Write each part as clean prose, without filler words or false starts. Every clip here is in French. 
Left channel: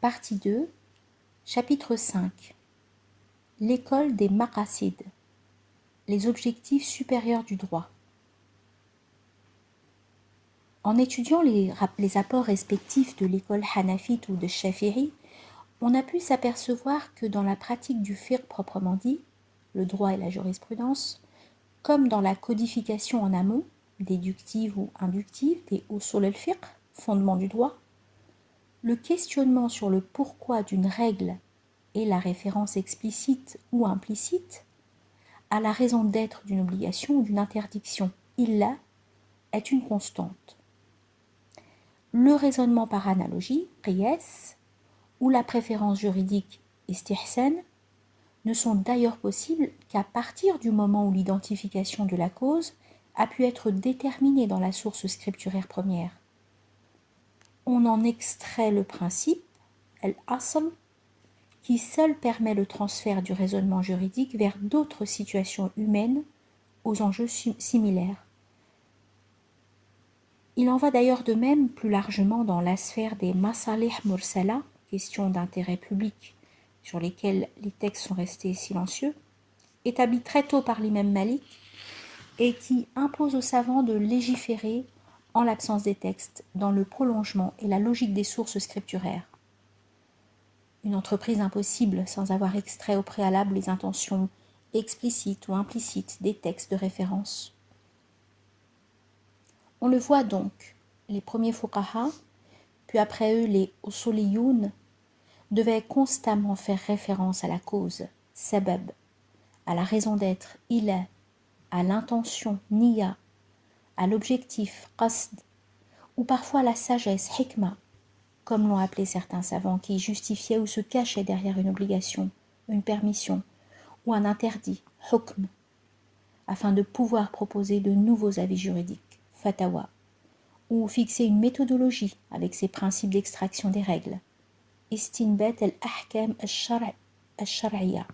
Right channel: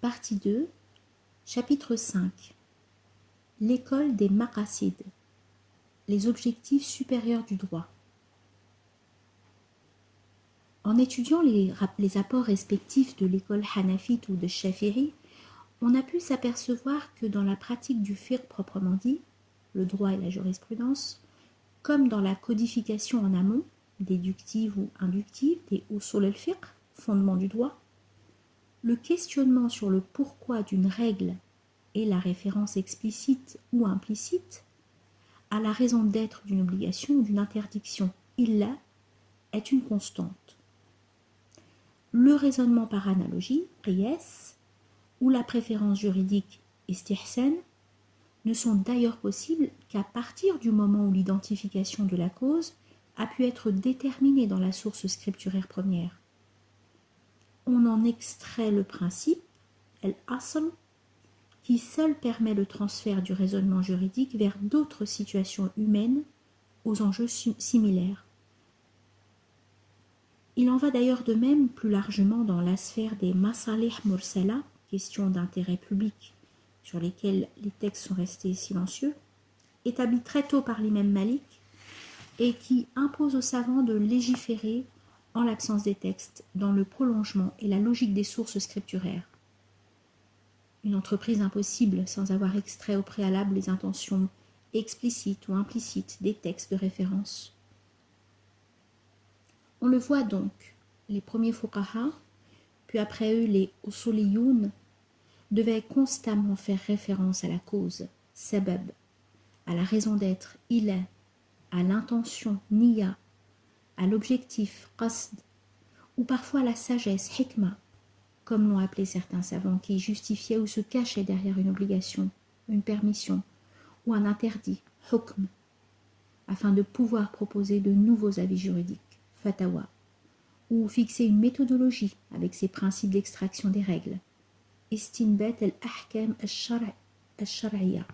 Partie 2, chapitre 5. L'école des maqasid, les objectifs supérieurs du droit. En étudiant les apports respectifs de l'école hanafite ou de Shafi'i, on a pu s'apercevoir que dans la pratique du fiqh proprement dit, le droit et la jurisprudence, comme dans la codification en amont, déductive ou inductive, des usul al-fiqh, fondements du droit, le questionnement sur le pourquoi d'une règle et la référence explicite ou implicite à la raison d'être d'une obligation ou d'une interdiction, illa, est une constante. Le raisonnement par analogie, qiyas, ou la préférence juridique, istihsan, ne sont d'ailleurs possibles qu'à partir du moment où l'identification de la cause a pu être déterminée dans la source scripturaire première. On en extrait le principe, al-asl, qui seul permet le transfert du raisonnement juridique vers d'autres situations humaines aux enjeux similaires. Il en va d'ailleurs de même plus largement dans la sphère des masalih mursala, questions d'intérêt public sur lesquelles les textes sont restés silencieux, établis très tôt par l'imam Malik et qui imposent aux savants de légiférer en l'absence des textes, dans le prolongement et la logique des sources scripturaires. Une entreprise impossible sans avoir extrait au préalable les intentions explicites ou implicites des textes de référence. On le voit donc, les premiers fuqaha, puis après eux les usuliyoun, devaient constamment faire référence à la cause, sabab, à la raison d'être, ila, à l'intention, niya, à l'objectif, qasd, ou parfois à la sagesse, hikma, comme l'ont appelé certains savants qui justifiaient ou se cachaient derrière une obligation, une permission, ou un interdit, hukm, afin de pouvoir proposer de nouveaux avis juridiques, fatawa, ou fixer une méthodologie avec ses principes d'extraction des règles, istinbat al-ahkam al-shar'iyya.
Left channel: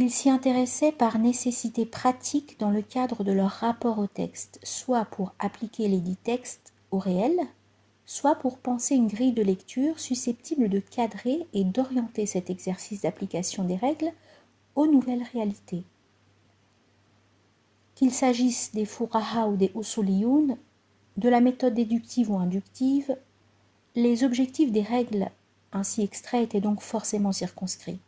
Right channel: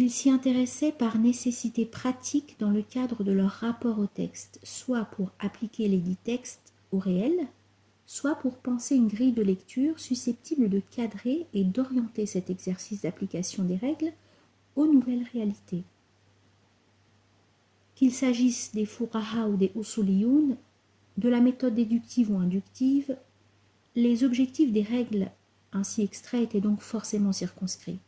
Ils s'y intéressaient par nécessité pratique dans le cadre de leur rapport au texte, soit pour appliquer les dits textes au réel, soit pour penser une grille de lecture susceptible de cadrer et d'orienter cet exercice d'application des règles aux nouvelles réalités. Qu'il s'agisse des fuqaha ou des usuliyoun, de la méthode déductive ou inductive, les objectifs des règles ainsi extraits étaient donc forcément circonscrits,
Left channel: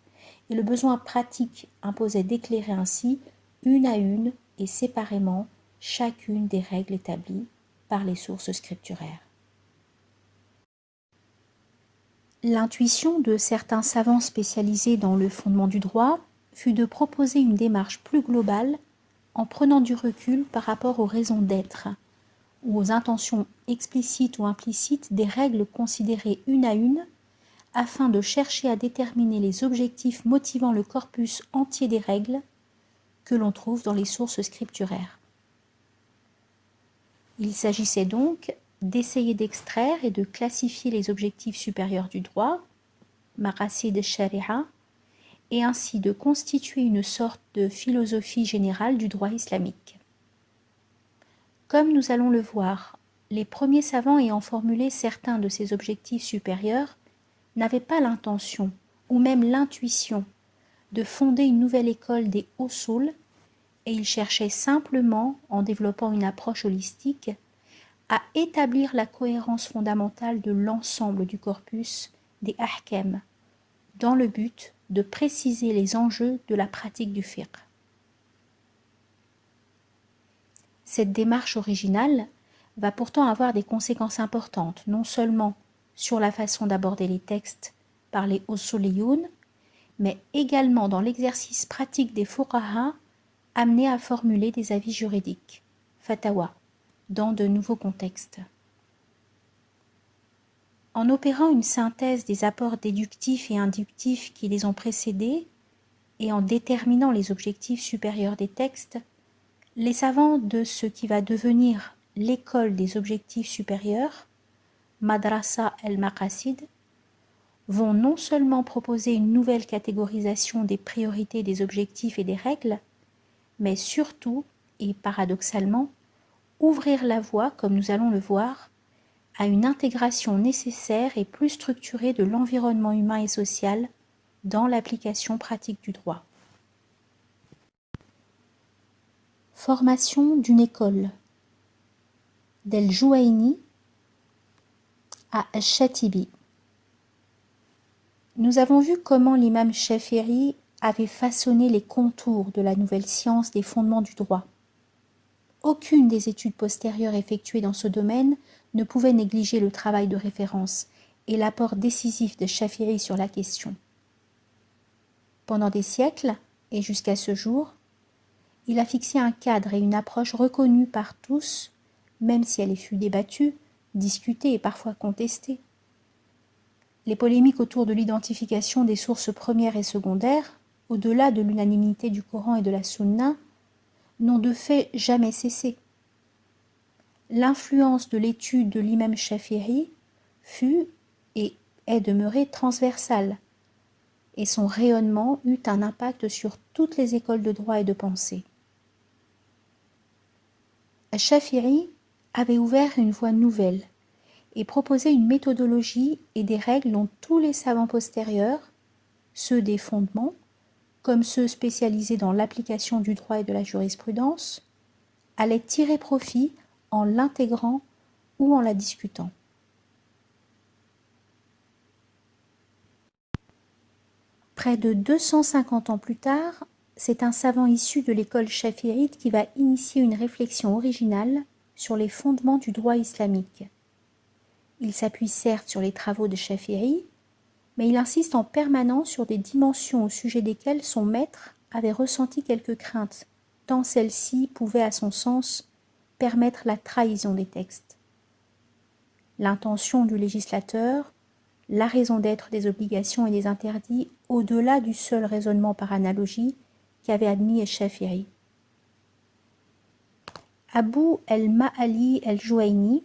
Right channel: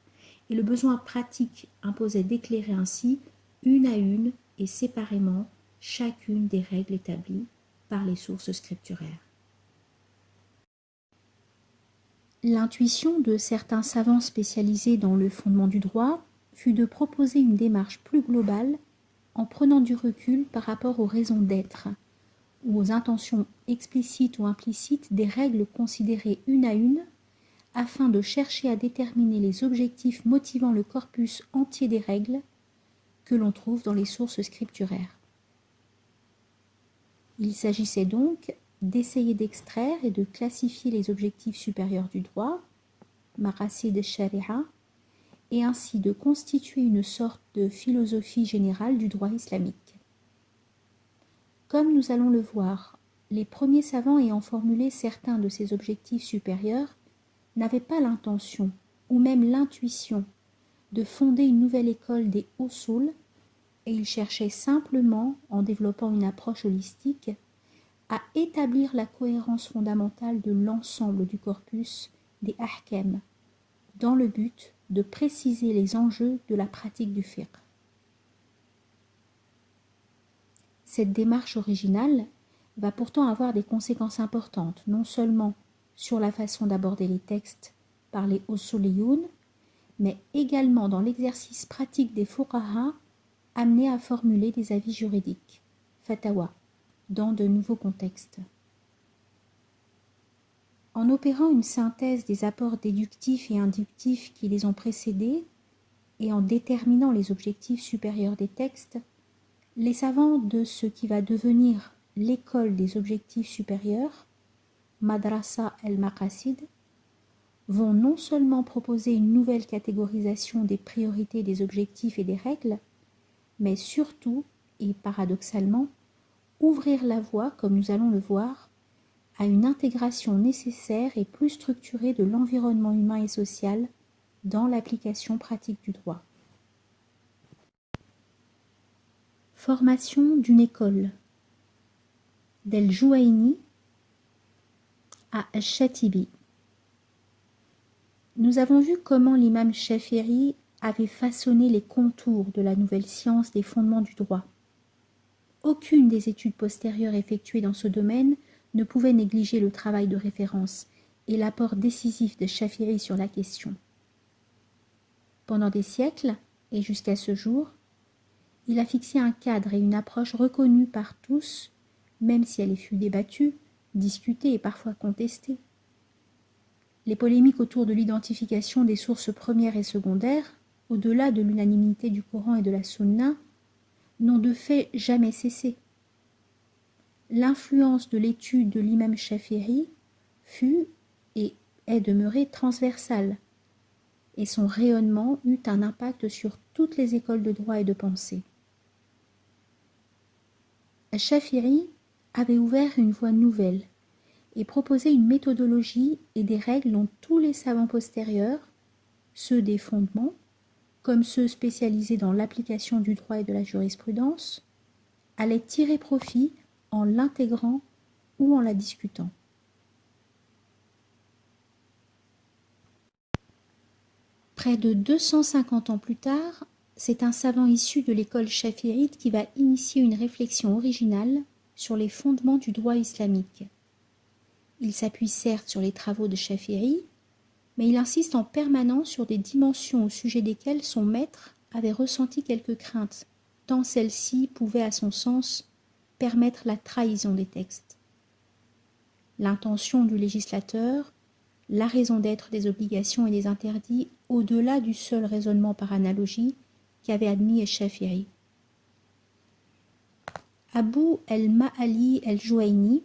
et le besoin pratique imposait d'éclairer ainsi, une à une et séparément, chacune des règles établies par les sources scripturaires. L'intuition de certains savants spécialisés dans le fondement du droit fut de proposer une démarche plus globale en prenant du recul par rapport aux raisons d'être ou aux intentions explicites ou implicites des règles considérées une à une afin de chercher à déterminer les objectifs motivant le corpus entier des règles que l'on trouve dans les sources scripturaires. Il s'agissait donc d'essayer d'extraire et de classifier les objectifs supérieurs du droit, maqasid sharia, et ainsi de constituer une sorte de philosophie générale du droit islamique. Comme nous allons le voir, les premiers savants ayant formulé certains de ces objectifs supérieurs n'avaient pas l'intention, ou même l'intuition, de fonder une nouvelle école des usul, et ils cherchaient simplement, en développant une approche holistique, à établir la cohérence fondamentale de l'ensemble du corpus des ahkam, dans le but de préciser les enjeux de la pratique du fiqh. Cette démarche originale va pourtant avoir des conséquences importantes, non seulement sur la façon d'aborder les textes par les usuliyoun, mais également dans l'exercice pratique des fuqaha amenés à formuler des avis juridiques, fatawa, dans de nouveaux contextes. En opérant une synthèse des apports déductifs et inductifs qui les ont précédés et en déterminant les objectifs supérieurs des textes, les savants de ce qui va devenir l'école des objectifs supérieurs, Madrasa el-Maqasid, vont non seulement proposer une nouvelle catégorisation des priorités des objectifs et des règles, mais surtout, et paradoxalement, ouvrir la voie, comme nous allons le voir, à une intégration nécessaire et plus structurée de l'environnement humain et social dans l'application pratique du droit. Formation d'une école d'El Jouaini à Al-Shatibi. Nous avons vu comment l'imam Shafi'i avait façonné les contours de la nouvelle science des fondements du droit. Aucune des études postérieures effectuées dans ce domaine ne pouvait négliger le travail de référence et l'apport décisif de Shafi'i sur la question. Pendant des siècles, et jusqu'à ce jour, il a fixé un cadre et une approche reconnus par tous, même si elle fut débattue, discutée et parfois contestée. Les polémiques autour de l'identification des sources premières et secondaires, au-delà de l'unanimité du Coran et de la Sunna, n'ont de fait jamais cessé. L'influence de l'étude de l'imam Shafi'i fut et est demeurée transversale, et son rayonnement eut un impact sur toutes les écoles de droit et de pensée. Shafi'i avait ouvert une voie nouvelle et proposé une méthodologie et des règles dont tous les savants postérieurs, ceux des fondements, comme ceux spécialisés dans l'application du droit et de la jurisprudence, allaient tirer profit en l'intégrant ou en la discutant. Près de 250 ans plus tard, c'est un savant issu de l'école chafi'ite qui va initier une réflexion originale sur les fondements du droit islamique. Il s'appuie certes sur les travaux de Shafi'i, mais il insiste en permanence sur des dimensions au sujet desquelles son maître avait ressenti quelques craintes, tant celles-ci pouvaient, à son sens, permettre la trahison des textes. L'intention du législateur, la raison d'être des obligations et des interdits au-delà du seul raisonnement par analogie qu'avait admis Shafi'i. Abu el-Ma'ali el-Jouaini,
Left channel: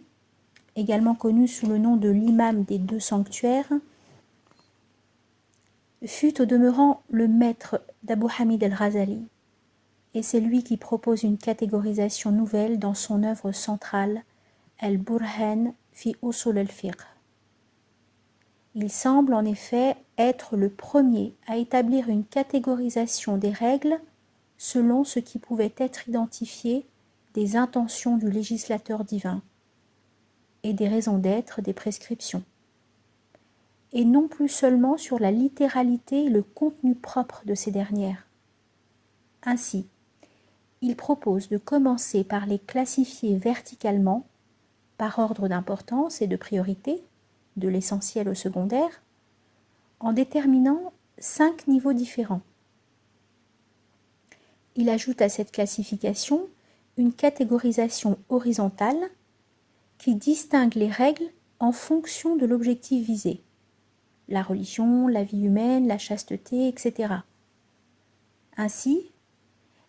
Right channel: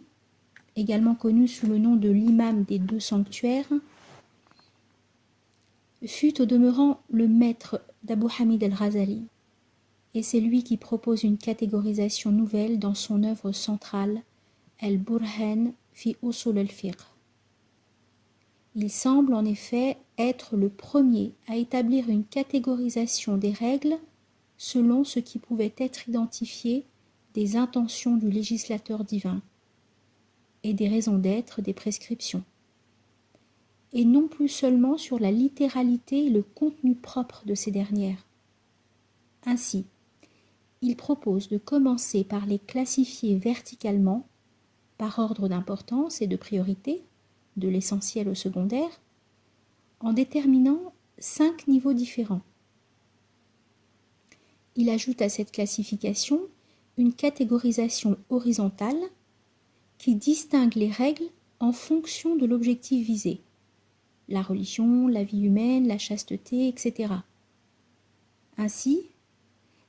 également connu sous le nom de l'imam des deux sanctuaires, fut au demeurant le maître d'Abu Hamid el-Ghazali, et c'est lui qui propose une catégorisation nouvelle dans son œuvre centrale, Al-Burhan fi Usul al-Fiqh. Il semble en effet être le premier à établir une catégorisation des règles selon ce qui pouvait être identifié des intentions du législateur divin et des raisons d'être des prescriptions, et non plus seulement sur la littéralité et le contenu propre de ces dernières. Ainsi, il propose de commencer par les classifier verticalement, par ordre d'importance et de priorité, de l'essentiel au secondaire, en déterminant 5 niveaux différents. Il ajoute à cette classification une catégorisation horizontale qui distingue les règles en fonction de l'objectif visé, la religion, la vie humaine, la chasteté, etc. Ainsi,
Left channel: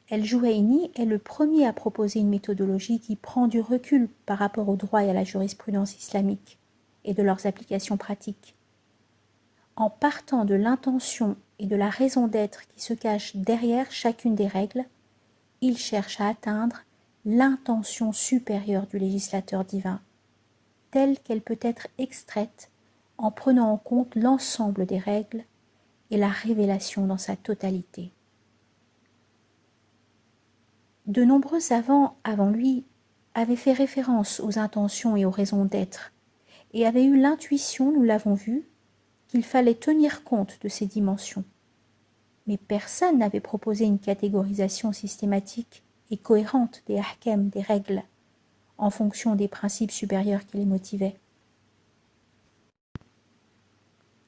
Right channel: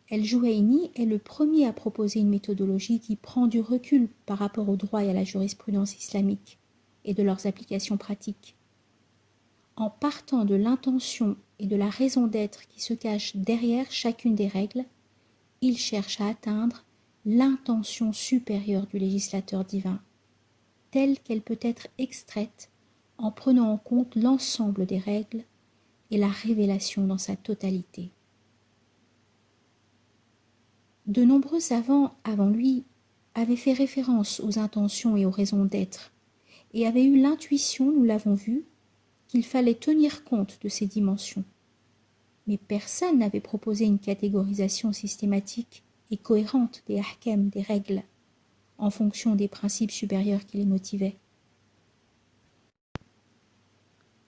El-Jouaini est le premier à proposer une méthodologie qui prend du recul par rapport au droit et à la jurisprudence islamique et de leurs applications pratiques. En partant de l'intention et de la raison d'être qui se cachent derrière chacune des règles, il cherche à atteindre l'intention supérieure du législateur divin, telle qu'elle peut être extraite en prenant en compte l'ensemble des règles et la révélation dans sa totalité. De nombreux savants avant lui avaient fait référence aux intentions et aux raisons d'être et avaient eu l'intuition, nous l'avons vu, qu'il fallait tenir compte de ces dimensions. Mais personne n'avait proposé une catégorisation systématique et cohérente des ahkam, des règles, en fonction des principes supérieurs qui les motivaient.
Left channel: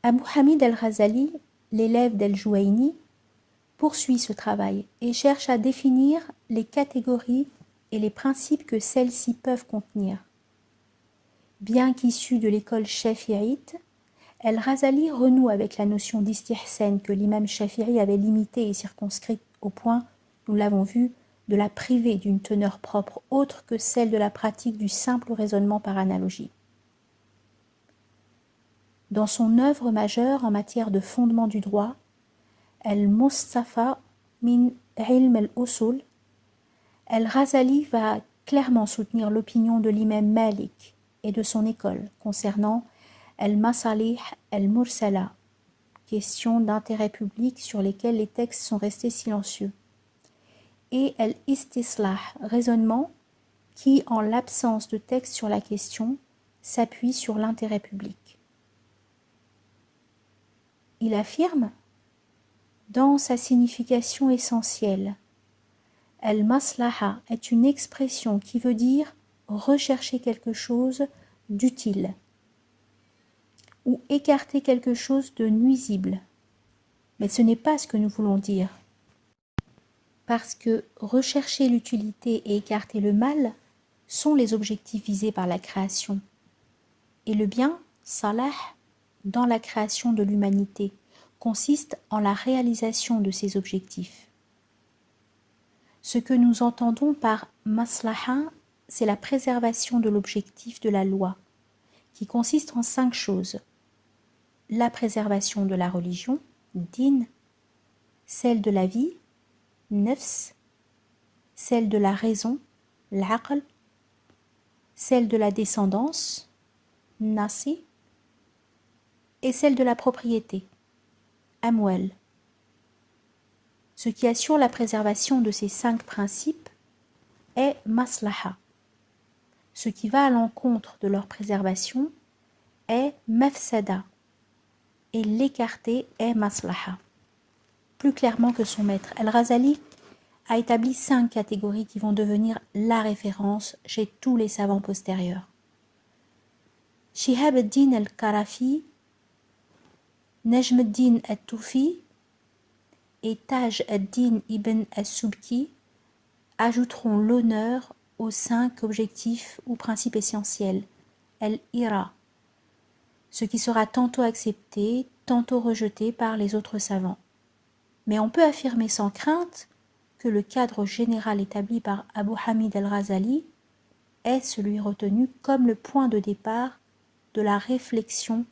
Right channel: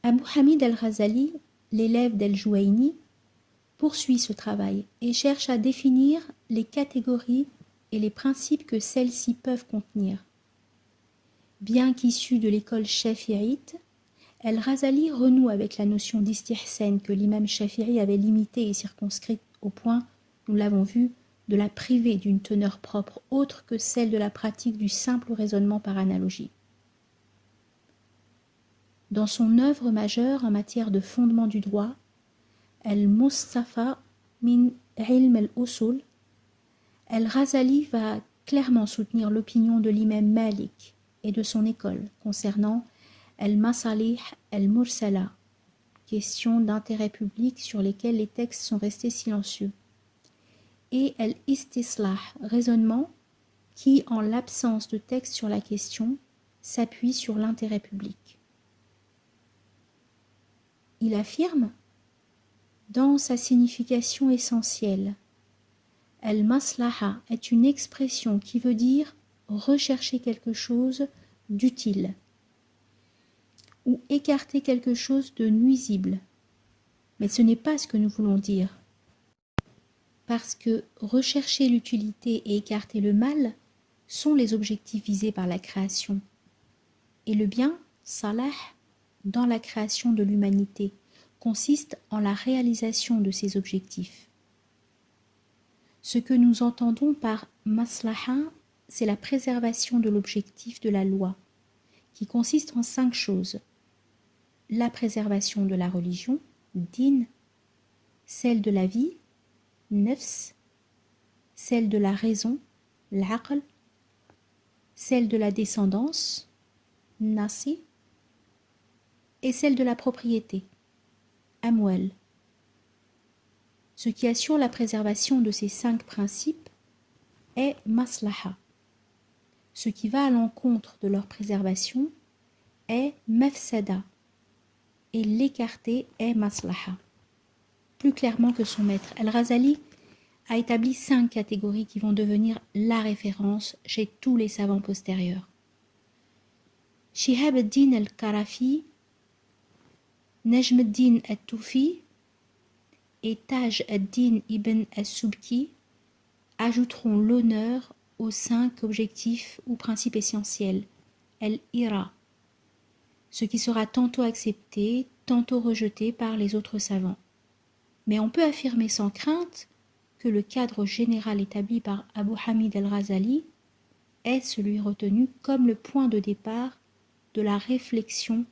Abu Hamid al-Ghazali, l'élève d'El-Jouaini, poursuit ce travail et cherche à définir les catégories et les principes que celles-ci peuvent contenir. Bien qu'issu de l'école chafi'ite, El-Ghazali renoue avec la notion d'istihsan que l'imam Shafi'i avait limitée et circonscrite au point, nous l'avons vu, de la priver d'une teneur propre autre que celle de la pratique du simple raisonnement par analogie. Dans son œuvre majeure en matière de fondement du droit, Al-Mustafa min Ilm al-Usul, El-Ghazali va clairement soutenir l'opinion de l'imam Malik, et de son école concernant al-masalih al-mursala, questions d'intérêt public sur lesquelles les textes sont restés silencieux, et al-istislah, raisonnement qui, en l'absence de texte sur la question, s'appuie sur l'intérêt public. Il affirme, dans sa signification essentielle, al-maslaha est une expression qui veut dire rechercher quelque chose d'utile ou écarter quelque chose de nuisible. Mais ce n'est pas ce que nous voulons dire. Parce que rechercher l'utilité et écarter le mal sont les objectifs visés par la création. Et le bien, salah, dans la création de l'humanité, consiste en la réalisation de ces objectifs. Ce que nous entendons par maslaha, c'est la préservation de l'objectif de la loi, qui consiste en 5 choses. La préservation de la religion, din, celle de la vie, nafs, celle de la raison, l'aql, celle de la descendance, nasi, et celle de la propriété, amwal. Ce qui assure la préservation de ces 5 principes est maslaha. Ce qui va à l'encontre de leur préservation est mafsada, et l'écarter est maslaha. Plus clairement que son maître, Al-Ghazali a établi 5 catégories qui vont devenir la référence chez tous les savants postérieurs. Shihab ad-Din al-Qarafi, Najm ad-Din al-Toufi et Taj ad-Din ibn al-Subki ajouteront l'honneur aux 5 objectifs ou principes essentiels, al-Ira, ce qui sera tantôt accepté, tantôt rejeté par les autres savants. Mais on peut affirmer sans crainte que le cadre général établi par Abu Hamid al-Ghazali est celui retenu comme le point de départ de la réflexion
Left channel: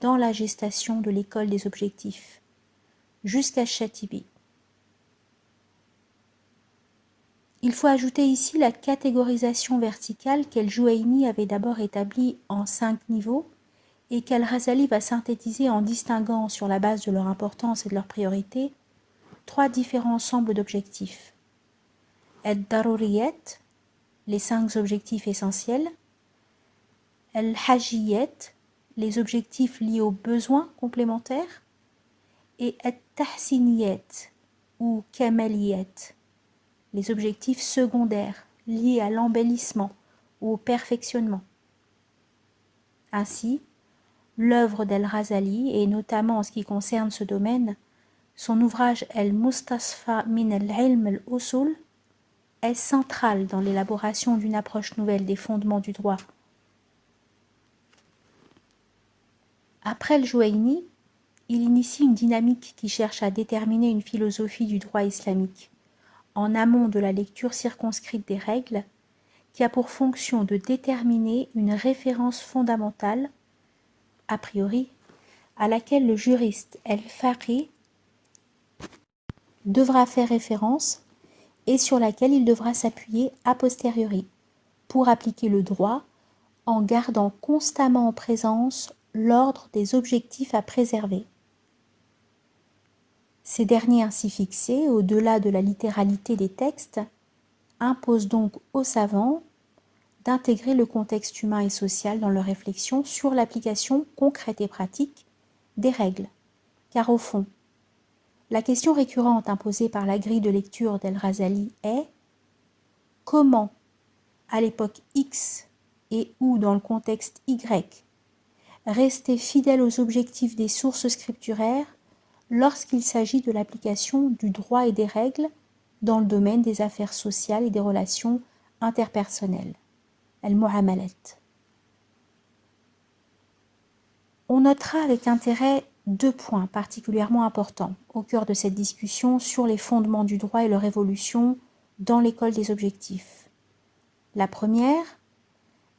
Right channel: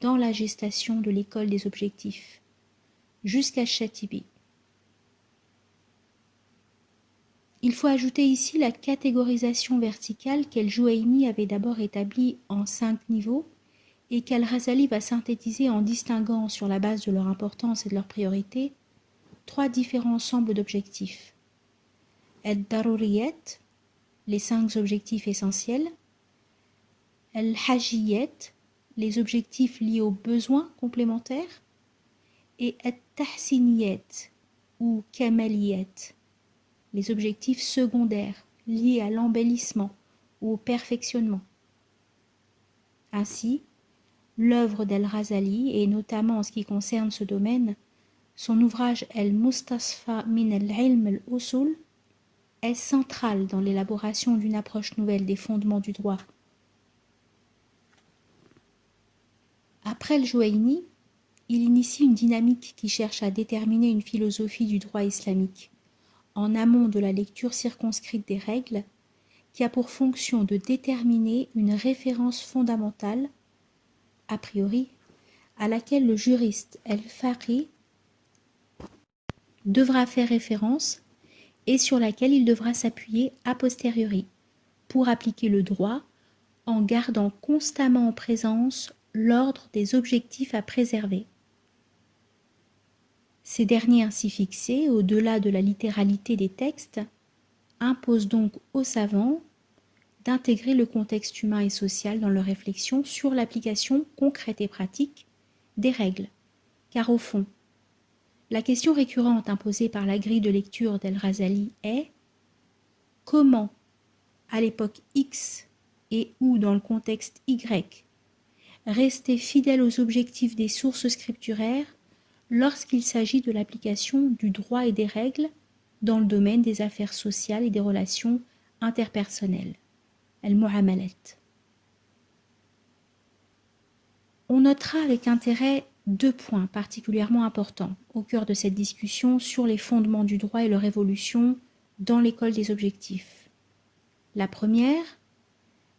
dans la gestation de l'école des objectifs, jusqu'à Chatibi. Il faut ajouter ici la catégorisation verticale qu'El-Jouaini avait d'abord établie en 5 niveaux et qu'Al-Ghazali va synthétiser en distinguant sur la base de leur importance et de leur priorité 3 différents ensembles d'objectifs. Al-Daruriyat, les 5 objectifs essentiels, Al-Hajiyat, les objectifs liés aux besoins complémentaires, et Al-Tahsiniyat ou Kamaliyat, les objectifs secondaires liés à l'embellissement ou au perfectionnement. Ainsi, l'œuvre d'Al-Ghazali, et notamment en ce qui concerne ce domaine, son ouvrage Al-Mustasfa min al-Ilm al-Usul, est central dans l'élaboration d'une approche nouvelle des fondements du droit. Après le Jouaini, il initie une dynamique qui cherche à déterminer une philosophie du droit islamique, en amont de la lecture circonscrite des règles, qui a pour fonction de déterminer une référence fondamentale, a priori, à laquelle le juriste El-Faqih devra faire référence et sur laquelle il devra s'appuyer a posteriori pour appliquer le droit en gardant constamment en présence l'ordre des objectifs à préserver. Ces derniers ainsi fixés, au-delà de la littéralité des textes, imposent donc aux savants d'intégrer le contexte humain et social dans leur réflexion sur l'application concrète et pratique des règles. Car au fond, la question récurrente imposée par la grille de lecture d'El-Ghazali est comment, à l'époque X et ou dans le contexte Y, rester fidèle aux objectifs des sources scripturaires lorsqu'il s'agit de l'application du droit et des règles dans le domaine des affaires sociales et des relations interpersonnelles, al-mu'amalat. On notera avec intérêt 2 points particulièrement importants au cœur de cette discussion sur les fondements du droit et leur évolution dans l'école des objectifs. La première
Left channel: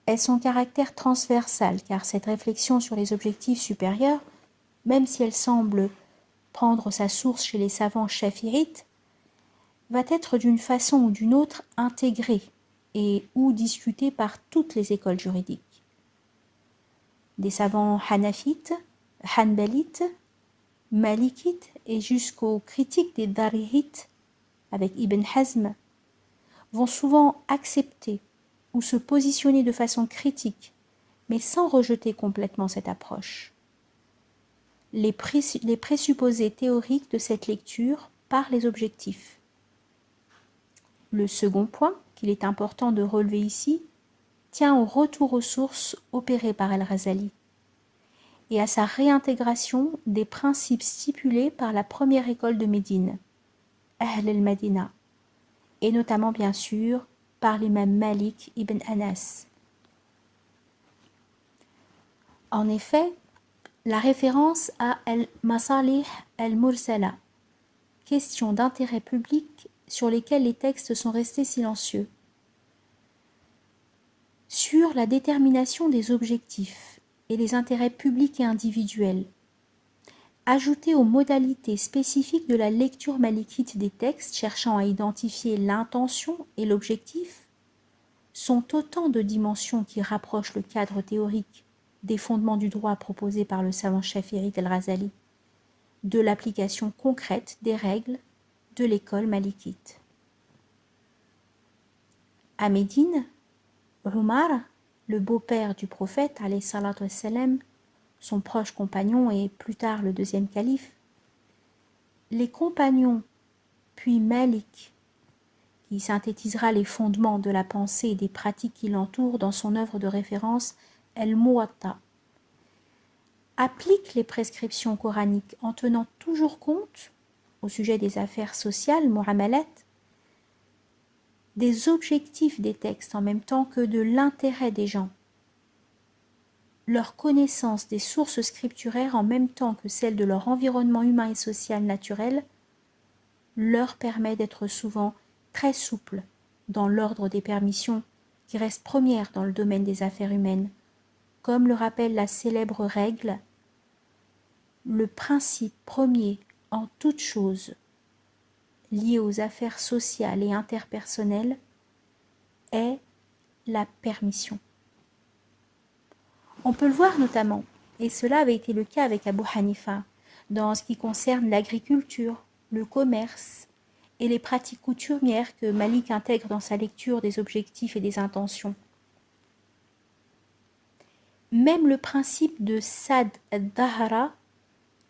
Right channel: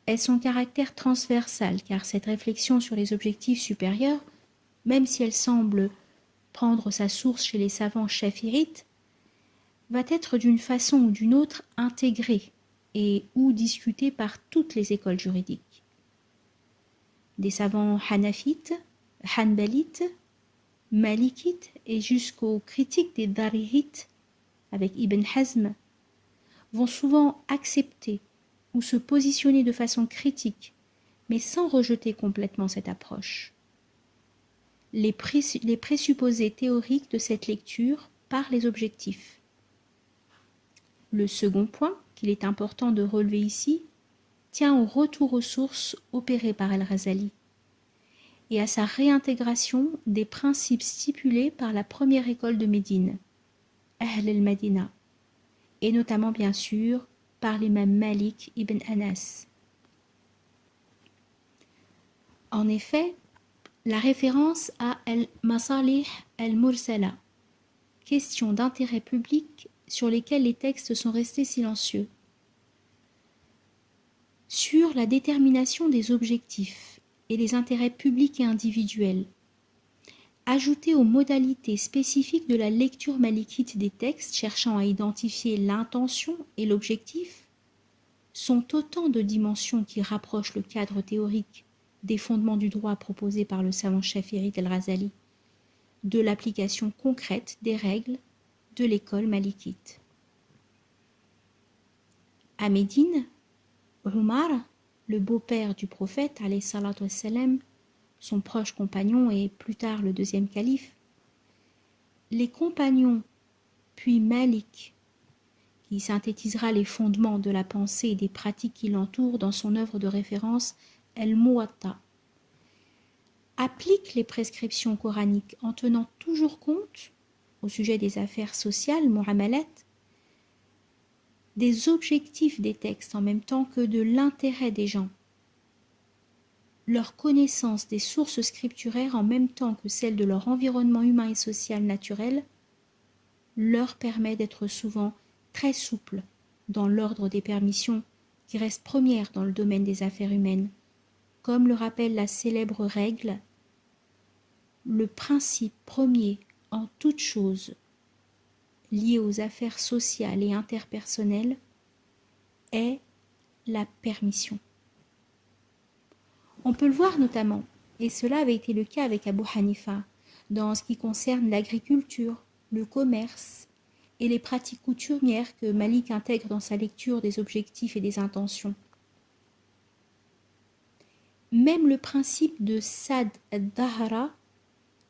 est son caractère transversal, car cette réflexion sur les objectifs supérieurs, même si elle semble prendre sa source chez les savants chafirites, va être d'une façon ou d'une autre intégrée et ou discutée par toutes les écoles juridiques. des savants hanafites, hanbalites, malikites et jusqu'aux critiques des darihites avec Ibn Hazm vont souvent accepter ou se positionner de façon critique, mais sans rejeter complètement cette approche. Les présupposés théoriques de cette lecture par les objectifs. Le second point qu'il est important de relever ici tient au retour aux sources opéré par Al-Ghazali et à sa réintégration des principes stipulés par la première école de Médine, Ahl al-Madina, et notamment bien sûr par l'imam Malik ibn Anas. En effet, la référence à al-Masalih al-Mursala, question d'intérêt public sur lesquelles les textes sont restés silencieux, sur la détermination des objectifs et les intérêts publics et individuels, ajoutés aux modalités spécifiques de la lecture malikite des textes cherchant à identifier l'intention et l'objectif, sont autant de dimensions qui rapprochent le cadre théorique des fondements du droit proposés par le savant Shafi'i al-Ghazali de l'application concrète des règles de l'école malikite. À Médine, Umar, le beau-père du prophète, alayhi salatu wassalam, son proche compagnon et plus tard le deuxième calife, les compagnons, puis Malik, qui synthétisera les fondements de la pensée et des pratiques qui l'entourent dans son œuvre de référence El-Muwatta, appliquent les prescriptions coraniques en tenant toujours compte, au sujet des affaires sociales, mu'amalat, des objectifs des textes en même temps que de l'intérêt des gens. Leur connaissance des sources scripturaires en même temps que celle de leur environnement humain et social naturel leur permet d'être souvent très souples dans l'ordre des permissions qui reste première dans le domaine des affaires humaines, comme le rappelle la célèbre règle « Le principe premier en toute chose lié aux affaires sociales et interpersonnelles est la permission ». On peut le voir notamment, et cela avait été le cas avec Abu Hanifa, dans ce qui concerne l'agriculture, le commerce et les pratiques coutumières que Malik intègre dans sa lecture des objectifs et des intentions. Même le principe de Sad al-Dahara,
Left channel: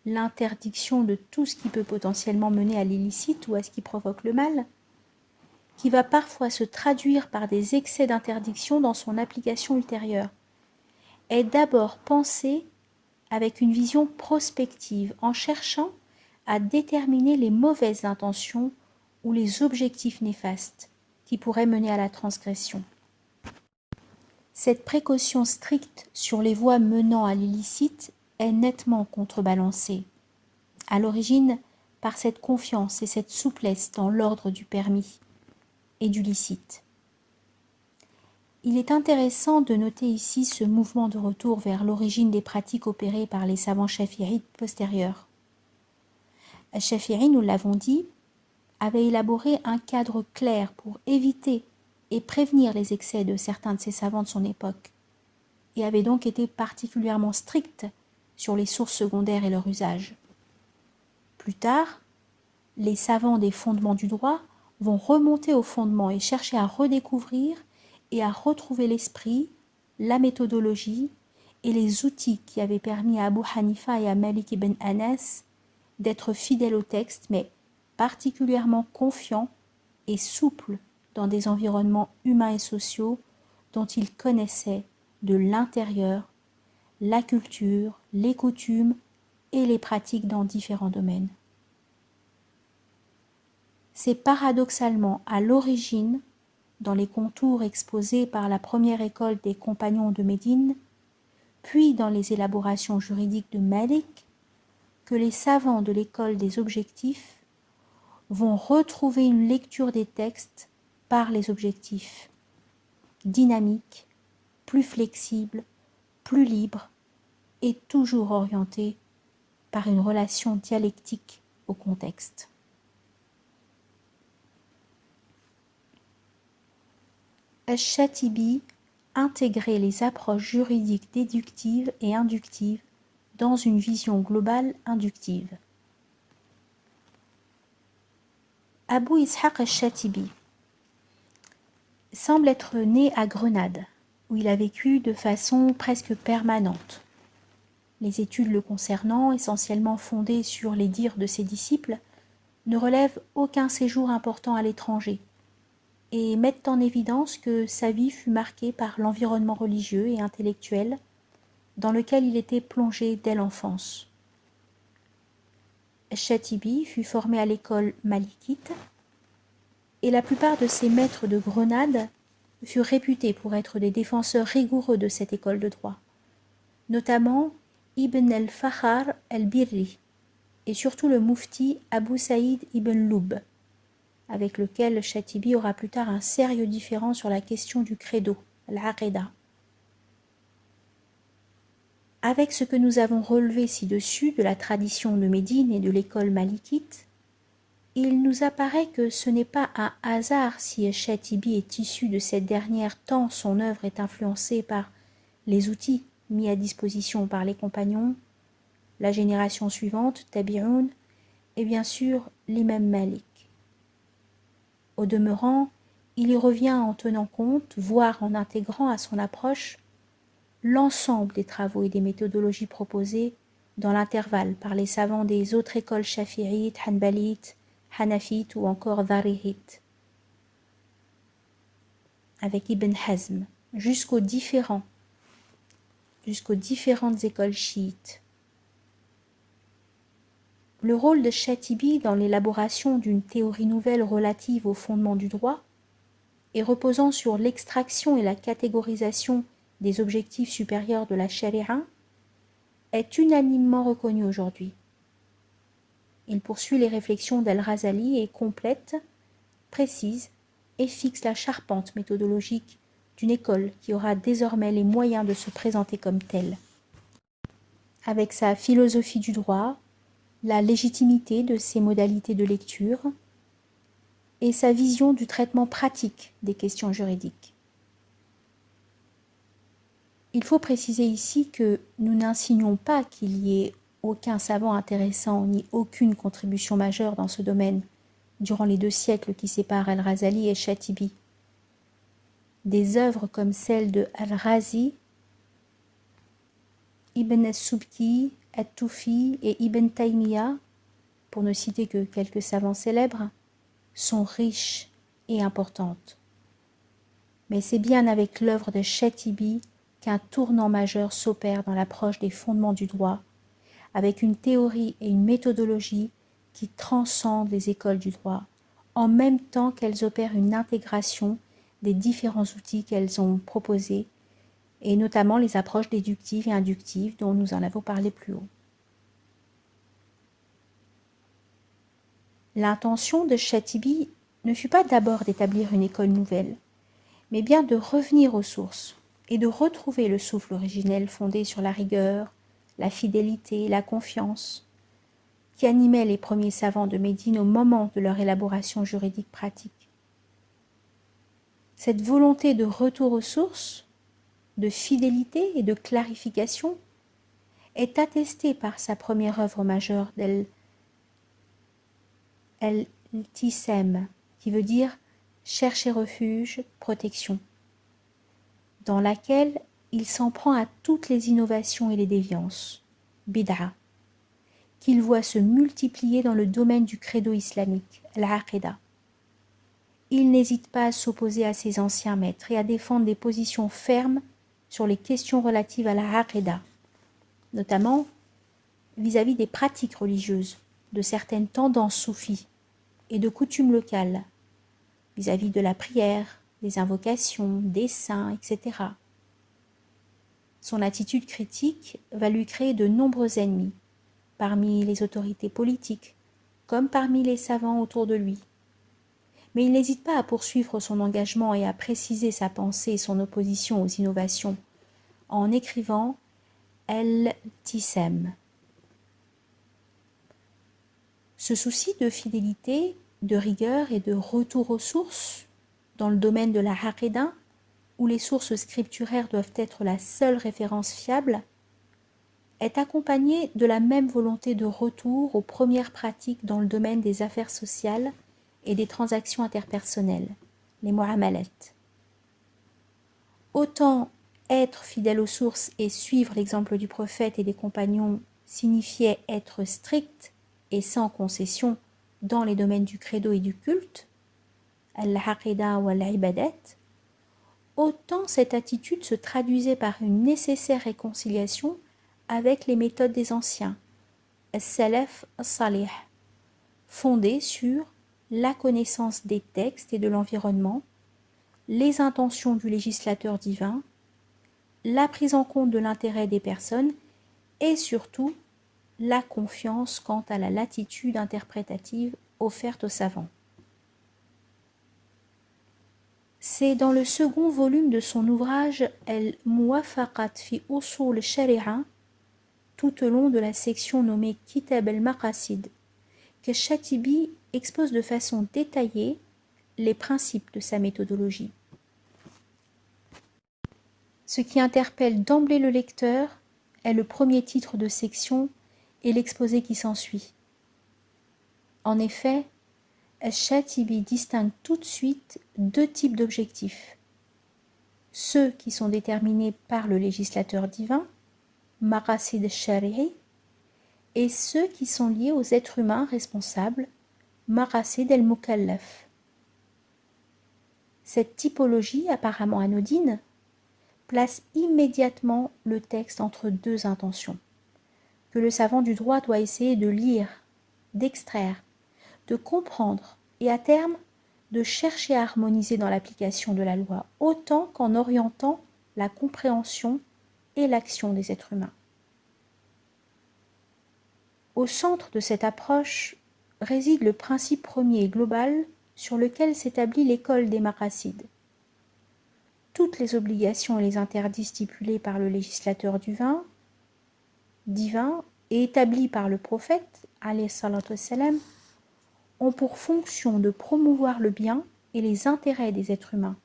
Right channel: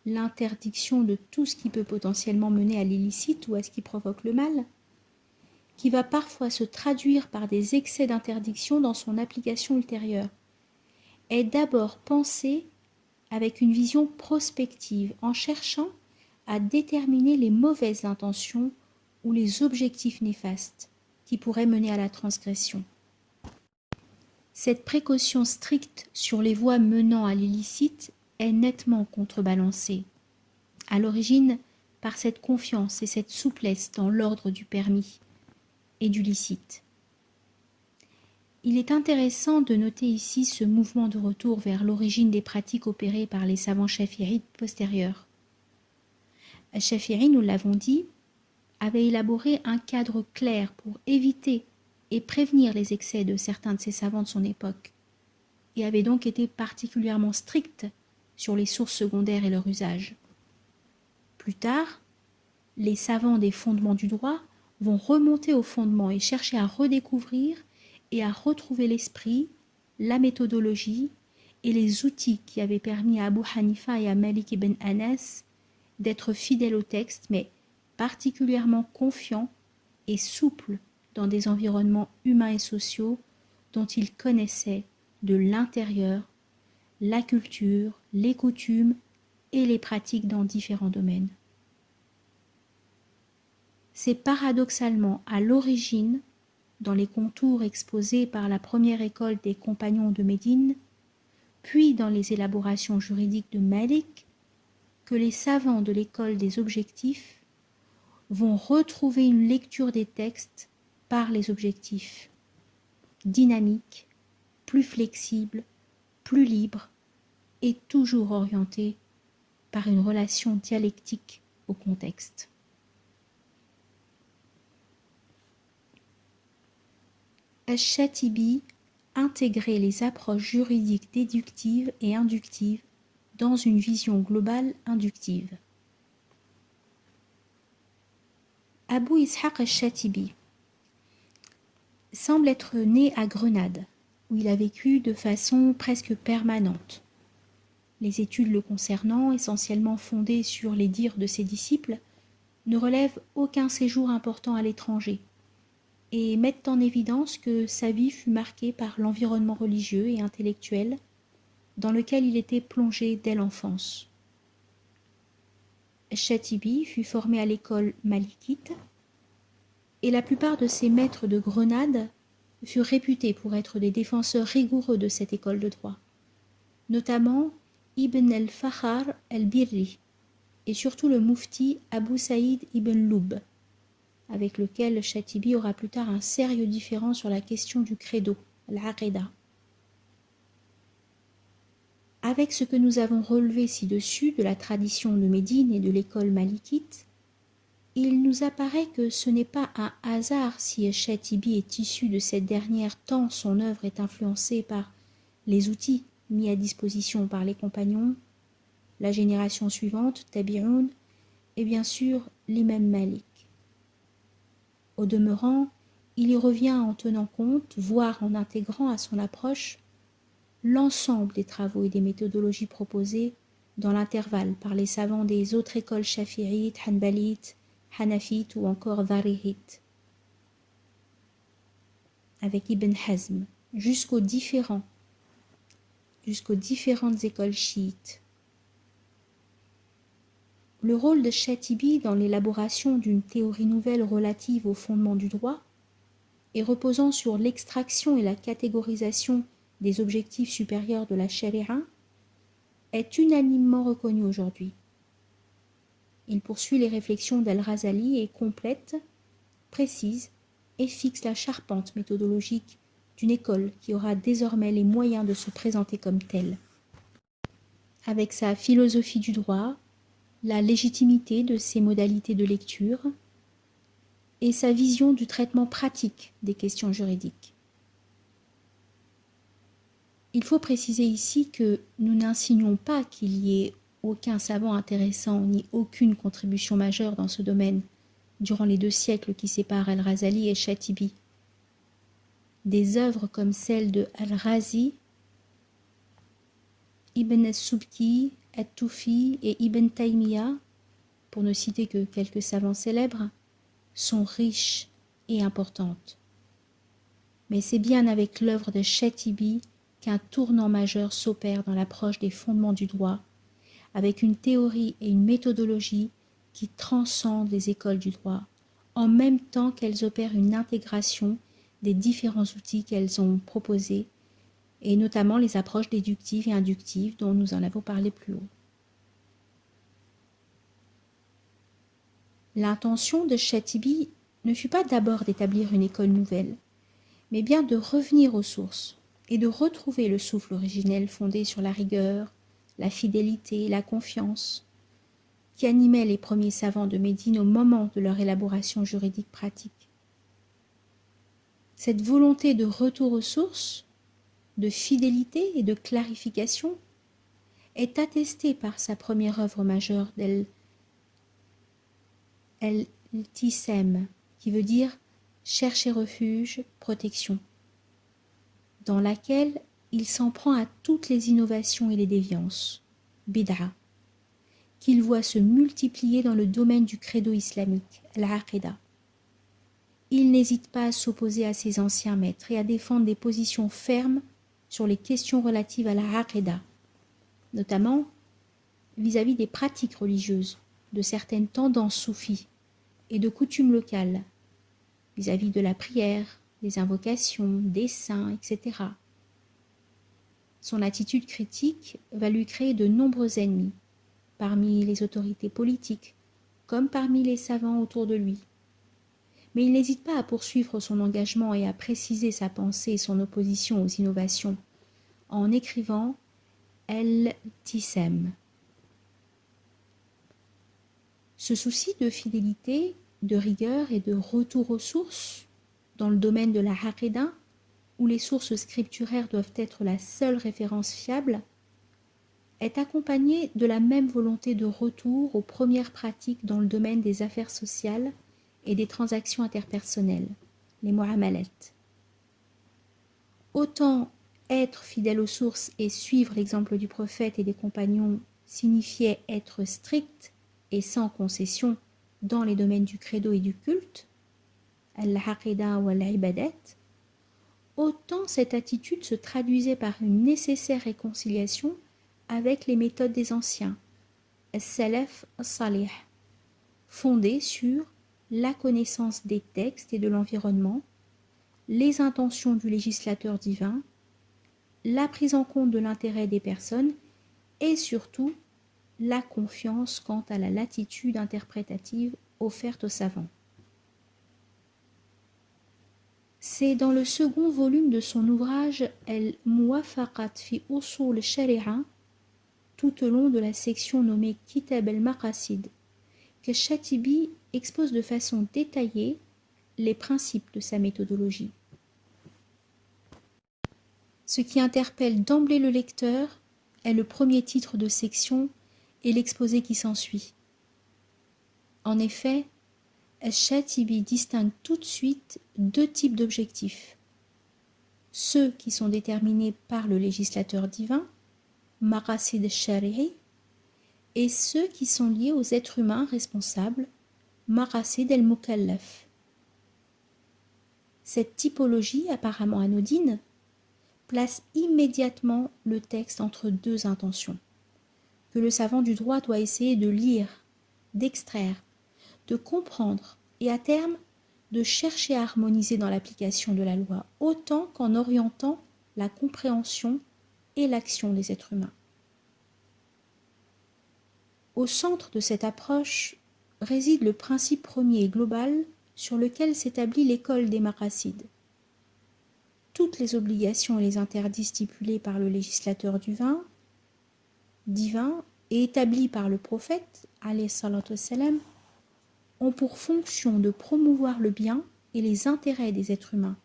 l'interdiction de tout ce qui peut potentiellement mener à l'illicite ou à ce qui provoque le mal, qui va parfois se traduire par des excès d'interdiction dans son application ultérieure, est d'abord pensé avec une vision prospective, en cherchant à déterminer les mauvaises intentions ou les objectifs néfastes qui pourraient mener à la transgression. Cette précaution stricte sur les voies menant à l'illicite est nettement contrebalancée, à l'origine par cette confiance et cette souplesse dans l'ordre du permis et du licite. Il est intéressant de noter ici ce mouvement de retour vers l'origine des pratiques opérées par les savants chafi'ites postérieurs. Al-Shafi'i, nous l'avons dit, avait élaboré un cadre clair pour éviter et prévenir les excès de certains de ces savants de son époque, et avait donc été particulièrement strict sur les sources secondaires et leur usage. Plus tard, les savants des fondements du droit vont remonter aux fondements et chercher à redécouvrir et à retrouver l'esprit, la méthodologie et les outils qui avaient permis à Abu Hanifa et à Malik ibn Anas d'être fidèles au texte, mais particulièrement confiants et souples dans des environnements humains et sociaux dont ils connaissaient de l'intérieur la culture, les coutumes et les pratiques dans différents domaines. C'est paradoxalement à l'origine, dans les contours exposés par la première école des compagnons de Médine, puis dans les élaborations juridiques de Malik, que les savants de l'école des objectifs vont retrouver une lecture des textes par les objectifs, dynamique, plus flexible, plus libre et toujours orientée par une relation dialectique au contexte. Al-Shatibi intégrer les approches juridiques déductives et inductives dans une vision globale inductive. Abu Ishaq al-Shatibi semble être né à Grenade, où il a vécu de façon presque permanente. Les études le concernant, essentiellement fondées sur les dires de ses disciples, ne relèvent aucun séjour important à l'étranger et mettent en évidence que sa vie fut marquée par l'environnement religieux et intellectuel dans lequel il était plongé dès l'enfance. Shatibi fut formé à l'école malikite et la plupart de ses maîtres de Grenade furent réputés pour être des défenseurs rigoureux de cette école de droit, notamment Ibn al-Fakhar al-Birri et surtout le moufti Abu Saïd ibn Lub, avec lequel Shatibi aura plus tard un sérieux différend sur la question du credo, l'aqida. Avec ce que nous avons relevé ci-dessus de la tradition de Médine et de l'école malikite, il nous apparaît que ce n'est pas un hasard si Shatibi est issu de cette dernière tant son œuvre est influencée par les outils mis à disposition par les compagnons, la génération suivante, Tabi'un, et bien sûr l'imam Malik. Au demeurant, il y revient en tenant compte, voire en intégrant à son approche, l'ensemble des travaux et des méthodologies proposées dans l'intervalle par les savants des autres écoles shafi'ites, hanbalites, hanafites ou encore dharihites, avec Ibn Hazm, jusqu'aux différentes écoles chiites. Le rôle de Shatibi dans l'élaboration d'une théorie nouvelle relative au fondement du droit et reposant sur l'extraction et la catégorisation des objectifs supérieurs de la charia est unanimement reconnu aujourd'hui. Il poursuit les réflexions d'Al-Razali et complète, précise et fixe la charpente méthodologique d'une école qui aura désormais les moyens de se présenter comme telle. Avec sa philosophie du droit, la légitimité de ses modalités de lecture et sa vision du traitement pratique des questions juridiques. Il faut préciser ici que nous n'insinuons pas qu'il y ait aucun savant intéressant ni aucune contribution majeure dans ce domaine durant les 2 siècles qui séparent Al-Razali et Shatibi. Des œuvres comme celles de Al-Razi, Ibn al-Subki, At-Tufi et Ibn Taymiyyah, pour ne citer que quelques savants célèbres, sont riches et importantes. Mais c'est bien avec l'œuvre de Shatibi qu'un tournant majeur s'opère dans l'approche des fondements du droit, avec une théorie et une méthodologie qui transcendent les écoles du droit, en même temps qu'elles opèrent une intégration des différents outils qu'elles ont proposés, et notamment les approches déductives et inductives dont nous en avons parlé plus haut. L'intention de Shatibi ne fut pas d'abord d'établir une école nouvelle, mais bien de revenir aux sources et de retrouver le souffle originel fondé sur la rigueur, la fidélité et la confiance qui animaient les premiers savants de Médine au moment de leur élaboration juridique pratique. Cette volonté de retour aux sources, de fidélité et de clarification est attestée par sa première œuvre majeure d'El-Tisem, qui veut dire chercher refuge, protection, dans laquelle il s'en prend à toutes les innovations et les déviances, bid'a, qu'il voit se multiplier dans le domaine du credo islamique, l'aqida. Il n'hésite pas à s'opposer à ses anciens maîtres et à défendre des positions fermes sur les questions relatives à l'aqida, notamment vis-à-vis des pratiques religieuses, de certaines tendances soufis et de coutumes locales, vis-à-vis de la prière, des invocations, des saints, etc. Son attitude critique va lui créer de nombreux ennemis, parmi les autorités politiques, comme parmi les savants autour de lui. Mais il n'hésite pas à poursuivre son engagement et à préciser sa pensée et son opposition aux innovations, en écrivant El-Tisem. Ce souci de fidélité, de rigueur et de retour aux sources dans le domaine de la aqida, où les sources scripturaires doivent être la seule référence fiable, est accompagnée de la même volonté de retour aux premières pratiques dans le domaine des affaires sociales et des transactions interpersonnelles, les mu'amalat. Autant être fidèle aux sources et suivre l'exemple du prophète et des compagnons signifiait être strict et sans concession dans les domaines du credo et du culte, al-aqida ou al-ibadat, autant cette attitude se traduisait par une nécessaire réconciliation avec les méthodes des anciens, as-salaf as-salih, fondées sur la connaissance des textes et de l'environnement, les intentions du législateur divin, la prise en compte de l'intérêt des personnes et surtout la confiance quant à la latitude interprétative offerte aux savants. C'est dans le second volume de son ouvrage Al-Muwafaqat fi Usul al-Shari'a, tout au long de la section nommée Kitab al-Maqasid, que Shatibi expose de façon détaillée les principes de sa méthodologie. Ce qui interpelle d'emblée le lecteur est le premier titre de section et l'exposé qui s'ensuit. En effet, Shatibi distingue tout de suite deux types d'objectifs. Ceux qui sont déterminés par le législateur divin, Maqasid al-Shari'i, et ceux qui sont liés aux êtres humains responsables, Maqasid al-Mukallaf. Cette typologie apparemment anodine place immédiatement le texte entre deux intentions, que le savant du droit doit essayer de lire, d'extraire, de comprendre et à terme de chercher à harmoniser dans l'application de la loi, autant qu'en orientant la compréhension et l'action des êtres humains. Au centre de cette approche réside le principe premier et global sur lequel s'établit l'école des maqasides. Toutes les obligations et les interdits stipulés par le législateur divin et établis par le prophète, alayhi salatu wassalam, ont pour fonction de promouvoir le bien et les intérêts des êtres humains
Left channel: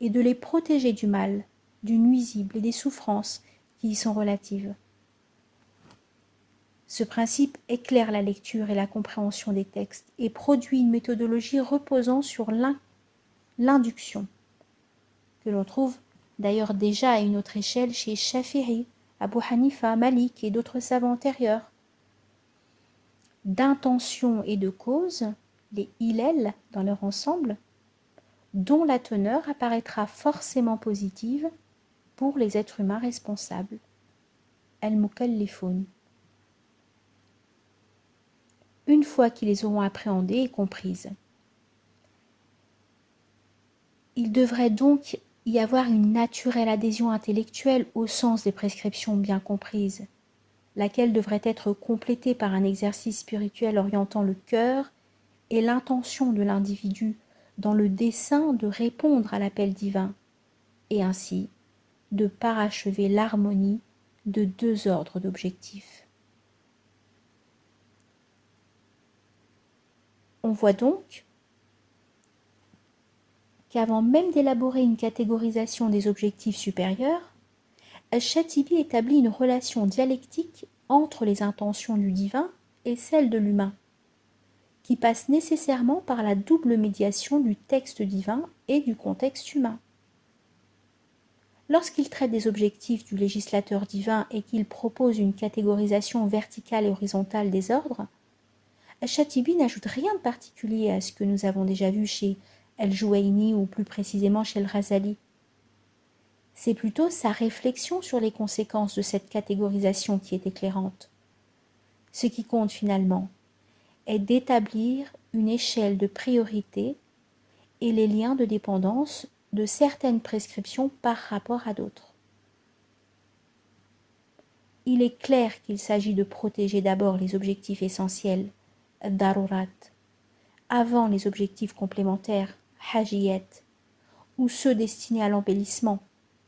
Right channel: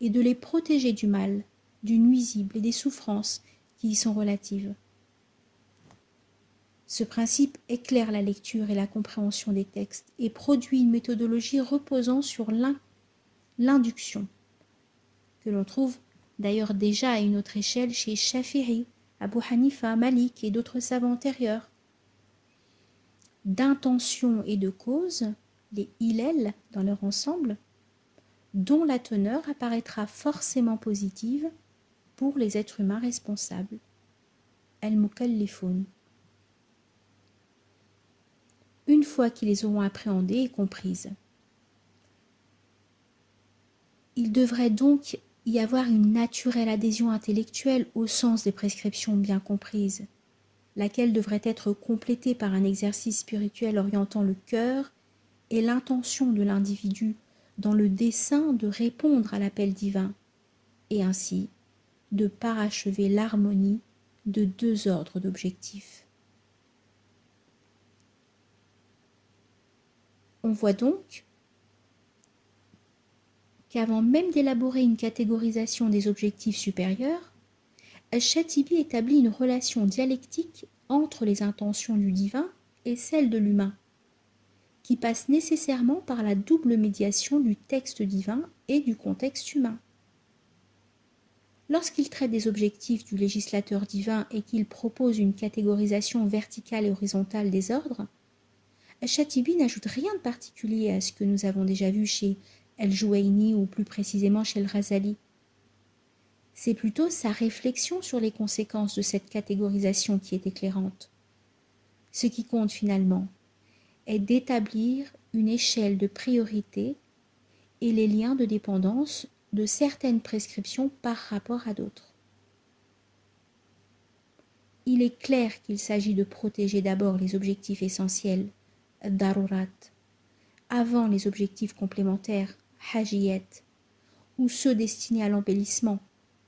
et de les protéger du mal, du nuisible et des souffrances qui y sont relatives. Ce principe éclaire la lecture et la compréhension des textes et produit une méthodologie reposant sur l'induction, que l'on trouve d'ailleurs déjà à une autre échelle chez Shafi'i, Abu Hanifa, Malik et d'autres savants antérieurs. D'intention et de cause, les ilal dans leur ensemble, dont la teneur apparaîtra forcément positive pour les êtres humains responsables, al-mukallifun. Une fois qu'ils les auront appréhendées et comprises. Il devrait donc y avoir une naturelle adhésion intellectuelle au sens des prescriptions bien comprises, laquelle devrait être complétée par un exercice spirituel orientant le cœur et l'intention de l'individu dans le dessein de répondre à l'appel divin, et ainsi de parachever l'harmonie de deux ordres d'objectifs. On voit donc qu'avant même d'élaborer une catégorisation des objectifs supérieurs, Al-Shatibi établit une relation dialectique entre les intentions du divin et celles de l'humain, qui passe nécessairement par la double médiation du texte divin et du contexte humain. Lorsqu'il traite des objectifs du législateur divin et qu'il propose une catégorisation verticale et horizontale des ordres, Al-Shatibi n'ajoute rien de particulier à ce que nous avons déjà vu chez Al-Juwayni ou plus précisément chez Al-Ghazali. C'est plutôt sa réflexion sur les conséquences de cette catégorisation qui est éclairante. Ce qui compte finalement est d'établir une échelle de priorité et les liens de dépendance de certaines prescriptions par rapport à d'autres. Il est clair qu'il s'agit de protéger d'abord les objectifs essentiels, darurat, avant les objectifs complémentaires, hajiyat, ou ceux destinés à l'embellissement,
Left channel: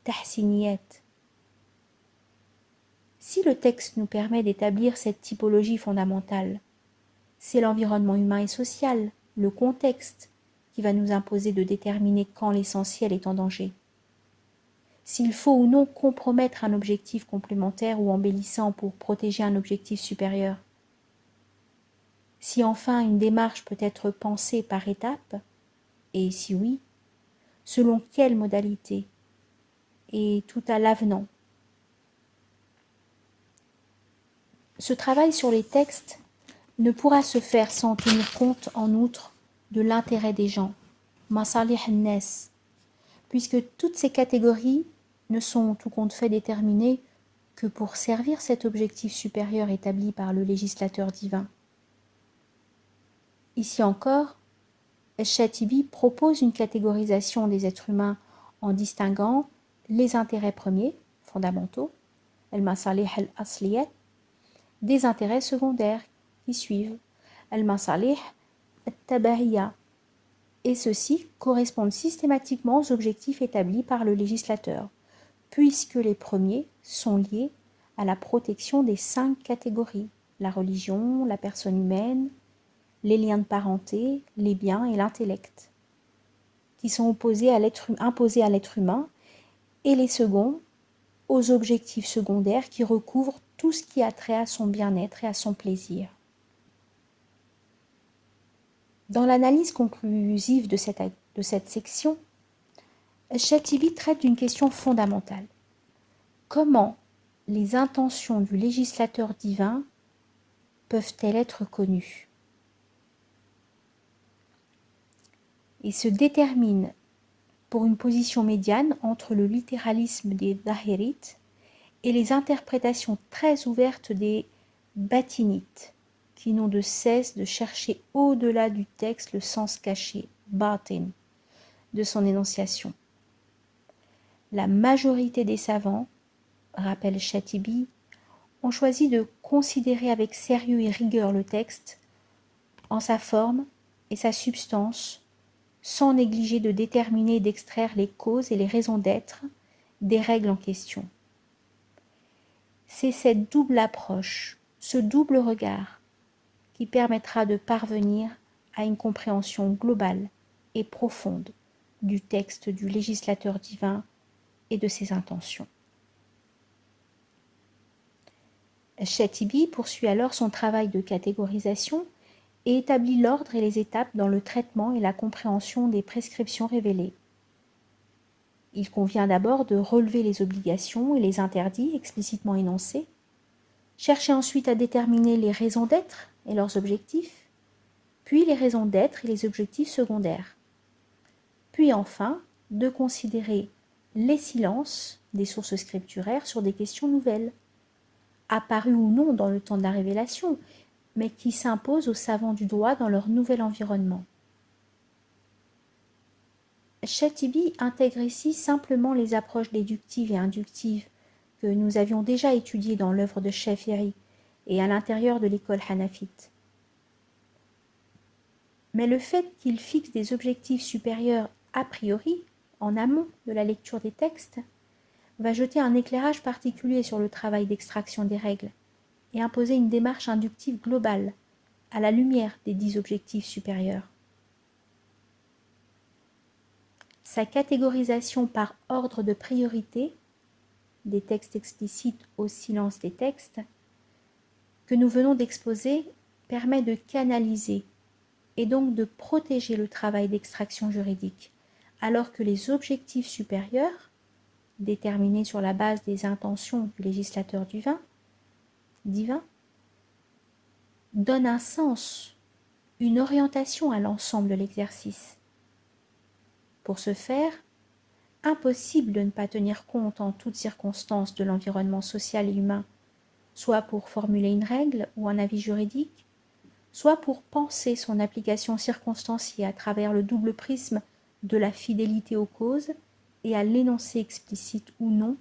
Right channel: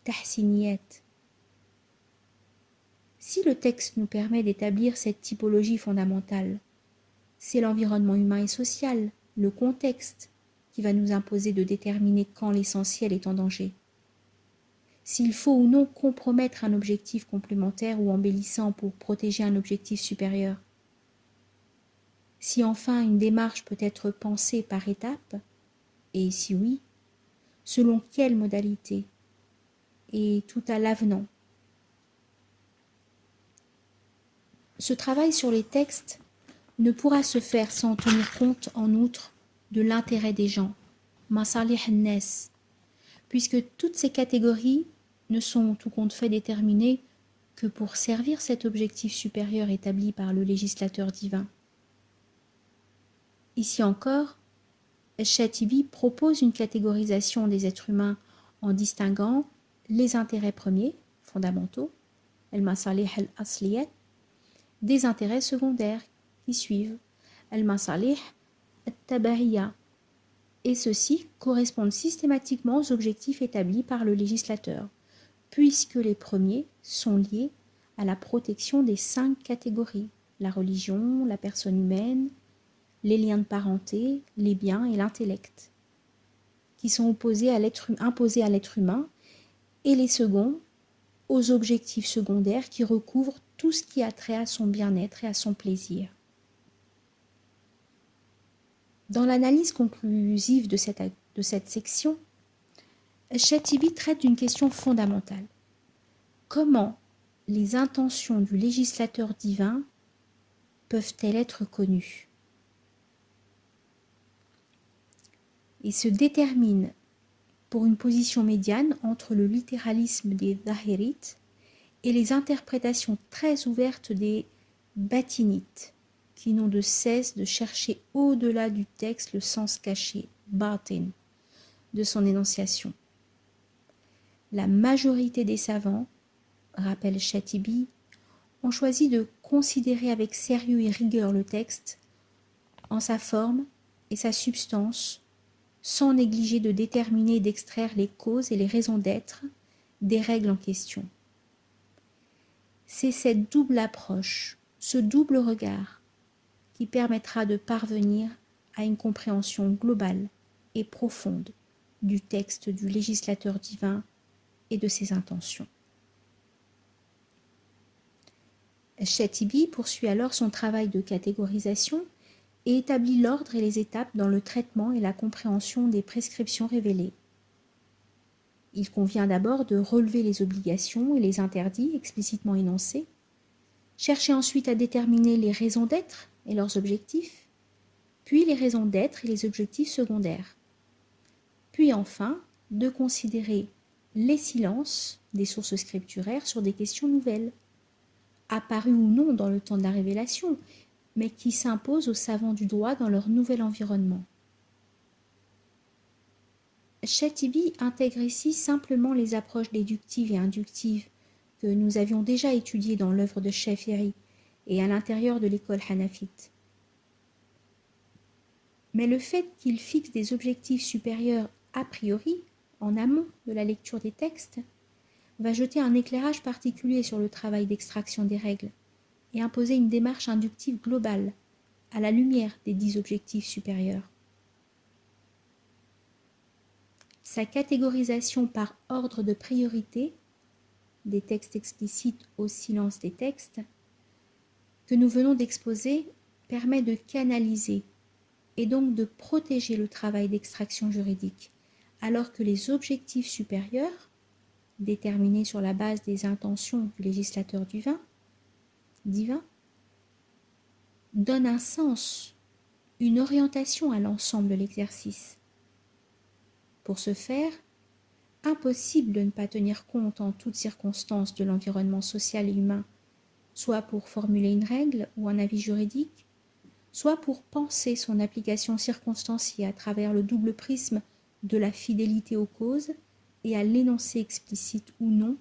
tahsiniyat. Si le texte nous permet d'établir cette typologie fondamentale, c'est l'environnement humain et social, le contexte, qui va nous imposer de déterminer quand l'essentiel est en danger. s'il faut ou non compromettre un objectif complémentaire ou embellissant pour protéger un objectif supérieur, si enfin une démarche peut être pensée par étapes, et si oui, selon quelle modalité, et tout à l'avenant. Ce travail sur les textes ne pourra se faire sans tenir compte en outre de l'intérêt des gens, masalih an-nas, puisque toutes ces catégories ne sont tout compte fait déterminées que pour servir cet objectif supérieur établi par le législateur divin. Ici encore, Al-Shatibi propose une catégorisation des êtres humains en distinguant les intérêts premiers, fondamentaux, al-masalih al-asliyat, des intérêts secondaires qui suivent, al-masalih al-tabahiyya, et ceux-ci correspondent systématiquement aux objectifs établis par le législateur, puisque les premiers sont liés à la protection des 5 catégories, la religion, la personne humaine, les liens de parenté, les biens et l'intellect, qui sont imposés à l'être humain, et les seconds aux objectifs secondaires qui recouvrent tout ce qui a trait à son bien-être et à son plaisir. Dans l'analyse conclusive de cette section, Shatibi traite d'une question fondamentale. Comment les intentions du législateur divin peuvent-elles être connues? Et se détermine pour une position médiane entre le littéralisme des Zahirites et les interprétations très ouvertes des Batinites, qui n'ont de cesse de chercher au-delà du texte le sens caché, batin, de son énonciation. La majorité des savants, rappelle Shatibi, ont choisi de considérer avec sérieux et rigueur le texte en sa forme et sa substance, sans négliger de déterminer et d'extraire les causes et les raisons d'être des règles en question. C'est cette double approche, ce double regard, qui permettra de parvenir à une compréhension globale et profonde du texte du législateur divin et de ses intentions. Shatibi poursuit alors son travail de catégorisation et établit l'ordre et les étapes dans le traitement et la compréhension des prescriptions révélées. Il convient d'abord de relever les obligations et les interdits explicitement énoncés, chercher ensuite à déterminer les raisons d'être et leurs objectifs, puis les raisons d'être et les objectifs secondaires, puis enfin de considérer les silences des sources scripturaires sur des questions nouvelles, apparues ou non dans le temps de la révélation, mais qui s'imposent aux savants du droit dans leur nouvel environnement. Shatibi intègre ici simplement les approches déductives et inductives que nous avions déjà étudiées dans l'œuvre de Shafi'i et à l'intérieur de l'école hanafite. Mais le fait qu'il fixe des objectifs supérieurs a priori, en amont de la lecture des textes, va jeter un éclairage particulier sur le travail d'extraction des règles et imposer une démarche inductive globale à la lumière des 10 objectifs supérieurs. Sa catégorisation par ordre de priorité, des textes explicites au silence des textes, que nous venons d'exposer, permet de canaliser et donc de protéger le travail d'extraction juridique, alors que les objectifs supérieurs, déterminés sur la base des intentions du législateur divin, donnent un sens, une orientation à l'ensemble de l'exercice. Pour ce faire, impossible de ne pas tenir compte en toutes circonstances de l'environnement social et humain, soit pour formuler une règle ou un avis juridique, soit pour penser son application circonstanciée à travers le double prisme de la fidélité aux causes et à l'énoncé explicite ou non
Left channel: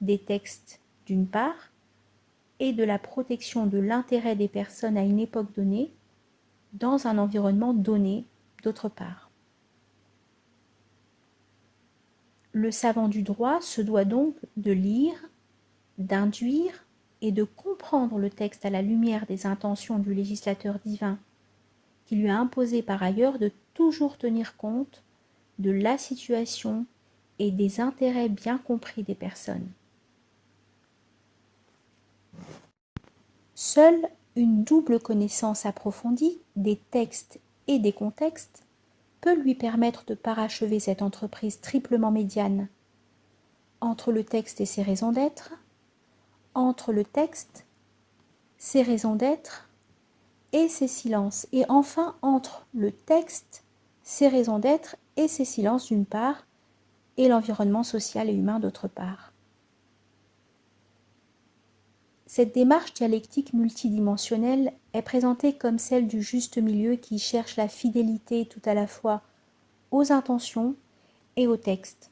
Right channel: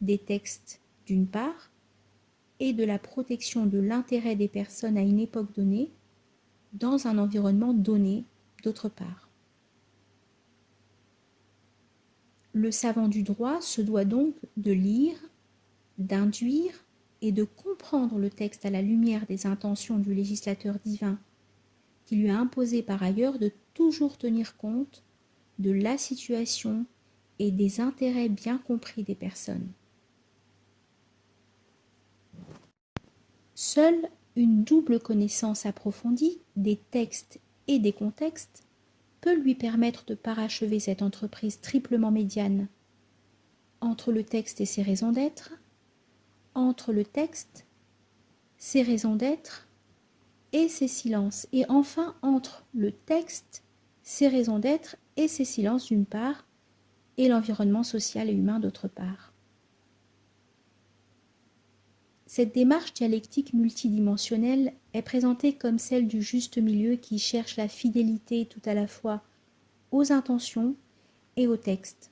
des textes d'une part, et de la protection de l'intérêt des personnes à une époque donnée, dans un environnement donné d'autre part. Le savant du droit se doit donc de lire, d'induire et de comprendre le texte à la lumière des intentions du législateur divin, qui lui a imposé par ailleurs de toujours tenir compte de la situation et des intérêts bien compris des personnes. Seule une double connaissance approfondie des textes et des contextes peut lui permettre de parachever cette entreprise triplement médiane entre le texte et ses raisons d'être, entre le texte, ses raisons d'être et ses silences, et enfin entre le texte, ses raisons d'être et ses silences d'une part, et l'environnement social et humain d'autre part. Cette démarche dialectique multidimensionnelle est présentée comme celle du juste milieu qui cherche la fidélité tout à la fois aux intentions et au texte.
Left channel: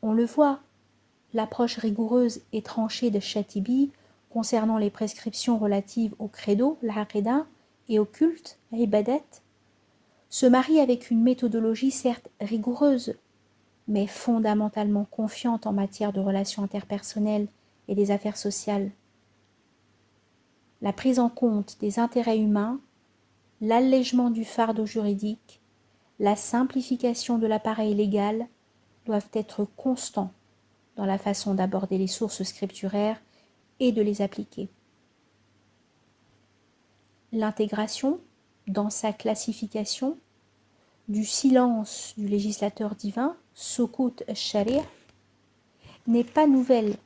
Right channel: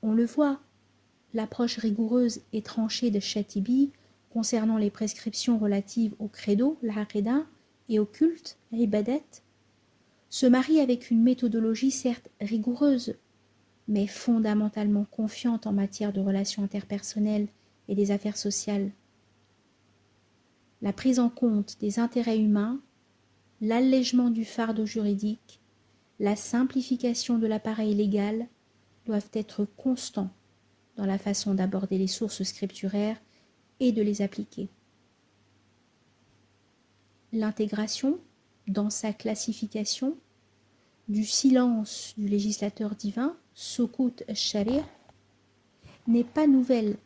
On le voit, l'approche rigoureuse et tranchée de Chatibi concernant les prescriptions relatives au credo, l'aqida, et au culte, l'ibadat, se marie avec une méthodologie certes rigoureuse, mais fondamentalement confiante en matière de relations interpersonnelles et des affaires sociales. La prise en compte des intérêts humains, l'allègement du fardeau juridique, la simplification de l'appareil légal doivent être constants dans la façon d'aborder les sources scripturaires et de les appliquer. L'intégration, dans sa classification, du silence du législateur divin, Sukut al-Shari', n'est pas nouvelle,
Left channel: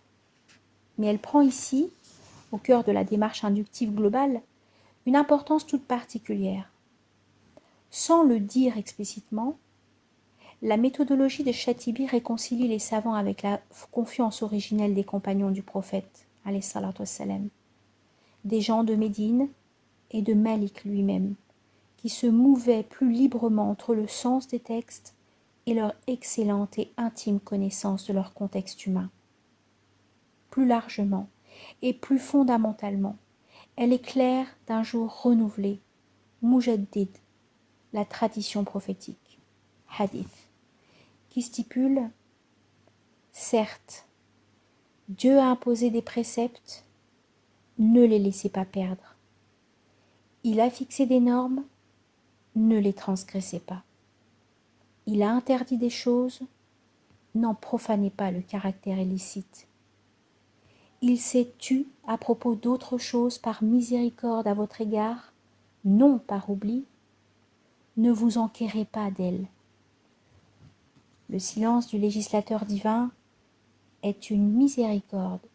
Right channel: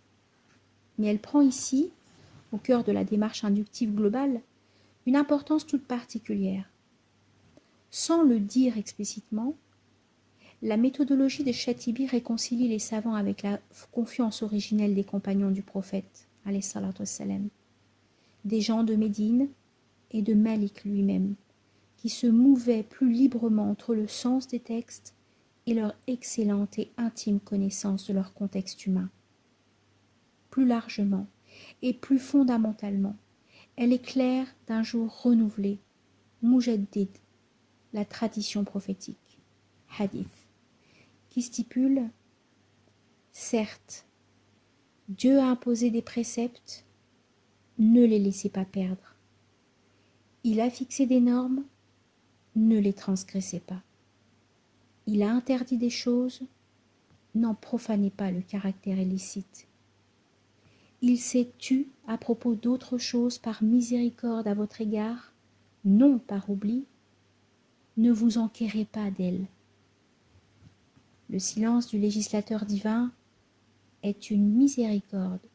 mais elle prend ici, au cœur de la démarche inductive globale, une importance toute particulière. Sans le dire explicitement, la méthodologie de Chatibi réconcilie les savants avec la confiance originelle des compagnons du prophète, alayhi salatu wassalam, des gens de Médine et de Malik lui-même, qui se mouvaient plus librement entre le sens des textes et leur excellente et intime connaissance de leur contexte humain. Plus largement et plus fondamentalement, elle éclaire d'un jour renouvelé, Mujaddid, la tradition prophétique, hadith, qui stipule « Certes, Dieu a imposé des préceptes, ne les laissez pas perdre. Il a fixé des normes, ne les transgressez pas. Il a interdit des choses, n'en profanez pas le caractère illicite. Il s'est tu à propos d'autres choses par miséricorde à votre égard, non par oubli. Ne vous enquérez pas d'elles. Le silence du législateur divin est une miséricorde,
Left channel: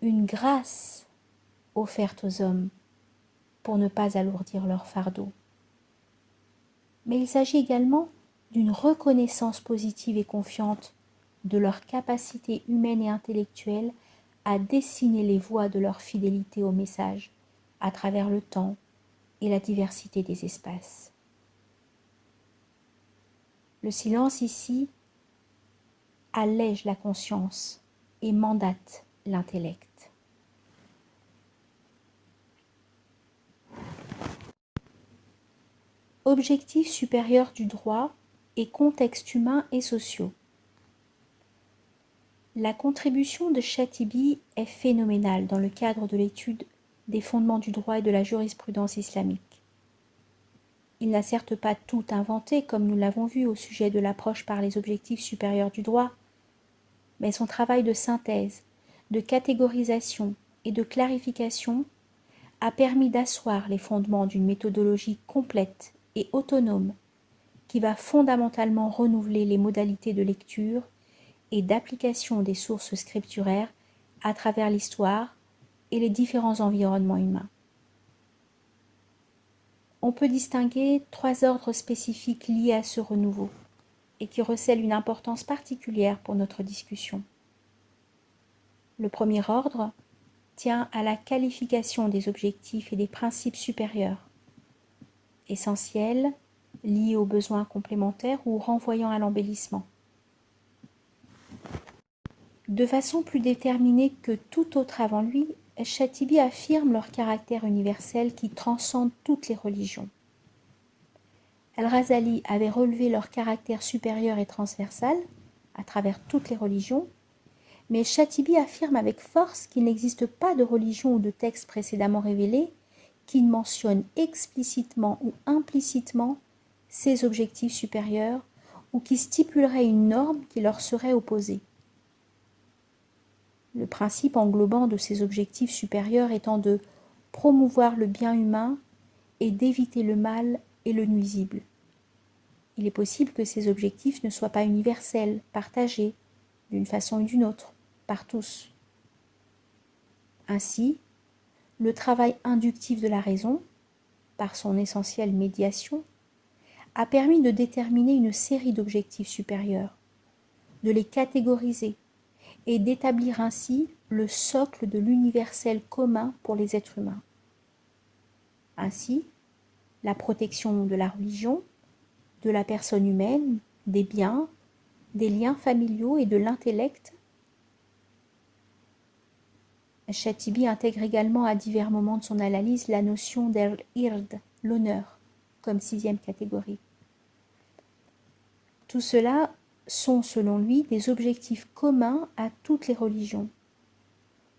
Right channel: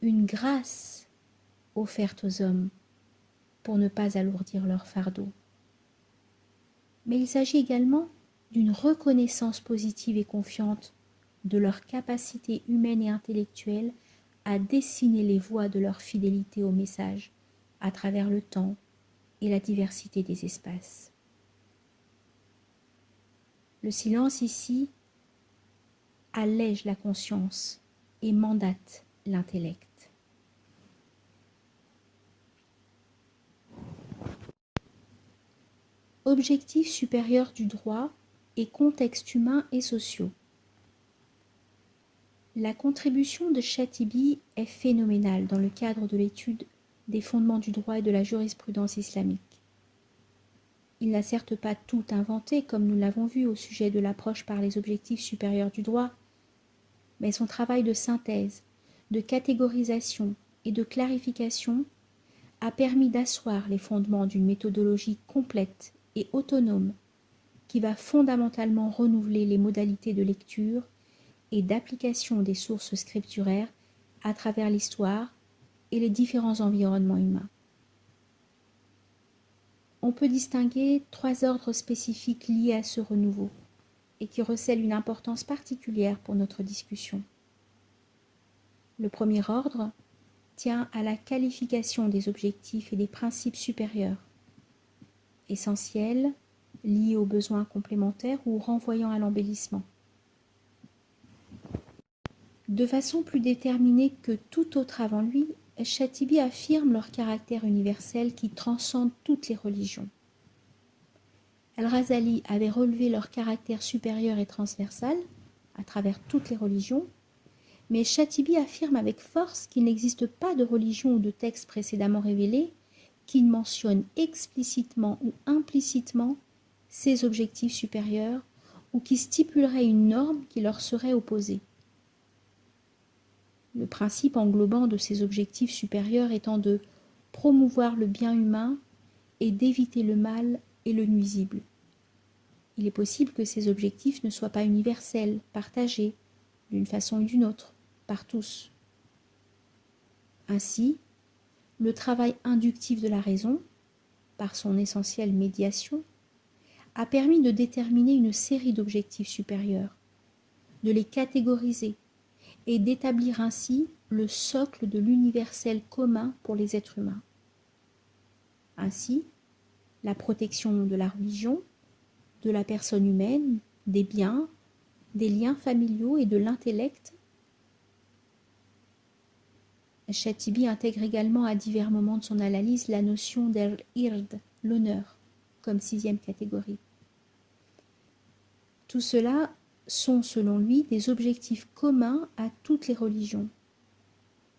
une grâce offerte aux hommes pour ne pas alourdir leur fardeau. Mais il s'agit également d'une reconnaissance positive et confiante de leur capacité humaine et intellectuelle à dessiner les voies de leur fidélité au message à travers le temps et la diversité des espaces. Le silence ici allège la conscience et mandate l'intellect. Objectif supérieur du droit et contextes humains et sociaux. La contribution de Chatibi est phénoménale dans le cadre de l'étude des fondements du droit et de la jurisprudence islamique. Il n'a certes pas tout inventé, comme nous l'avons vu au sujet de l'approche par les objectifs supérieurs du droit, mais son travail de synthèse, de catégorisation et de clarification a permis d'asseoir les fondements d'une méthodologie complète et autonome qui va fondamentalement renouveler les modalités de lecture et d'application des sources scripturaires à travers l'histoire et les différents environnements humains. On peut distinguer 3 ordres spécifiques liés à ce renouveau et qui recèlent une importance particulière pour notre discussion. Le premier ordre tient à la qualification des objectifs et des principes supérieurs, essentiels, liés aux besoins complémentaires ou renvoyant à l'embellissement. De façon plus déterminée que tout autre avant lui, Chatibi affirme leur caractère universel qui transcende toutes les religions. Al-Razali avait relevé leur caractère supérieur et transversal à travers toutes les religions, mais Chatibi affirme avec force qu'il n'existe pas de religion ou de texte précédemment révélé qui ne mentionne explicitement ou implicitement ces objectifs supérieurs ou qui stipuleraient une norme qui leur serait opposée. Le principe englobant de ces objectifs supérieurs étant de promouvoir le bien humain et d'éviter le mal et le nuisible. Il est possible que ces objectifs ne soient pas universels, partagés, d'une façon ou d'une autre, par tous. Ainsi, le travail inductif de la raison, par son essentielle médiation, a permis de déterminer une série d'objectifs supérieurs, de les catégoriser et d'établir ainsi le socle de l'universel commun pour les êtres humains. Ainsi, la protection de la religion, de la personne humaine, des biens, des liens familiaux et de l'intellect. Chatibi intègre également à divers moments de son analyse la notion d'al-ird, l'honneur, comme 6e catégorie. Tout cela sont, selon lui, des objectifs communs à toutes les religions,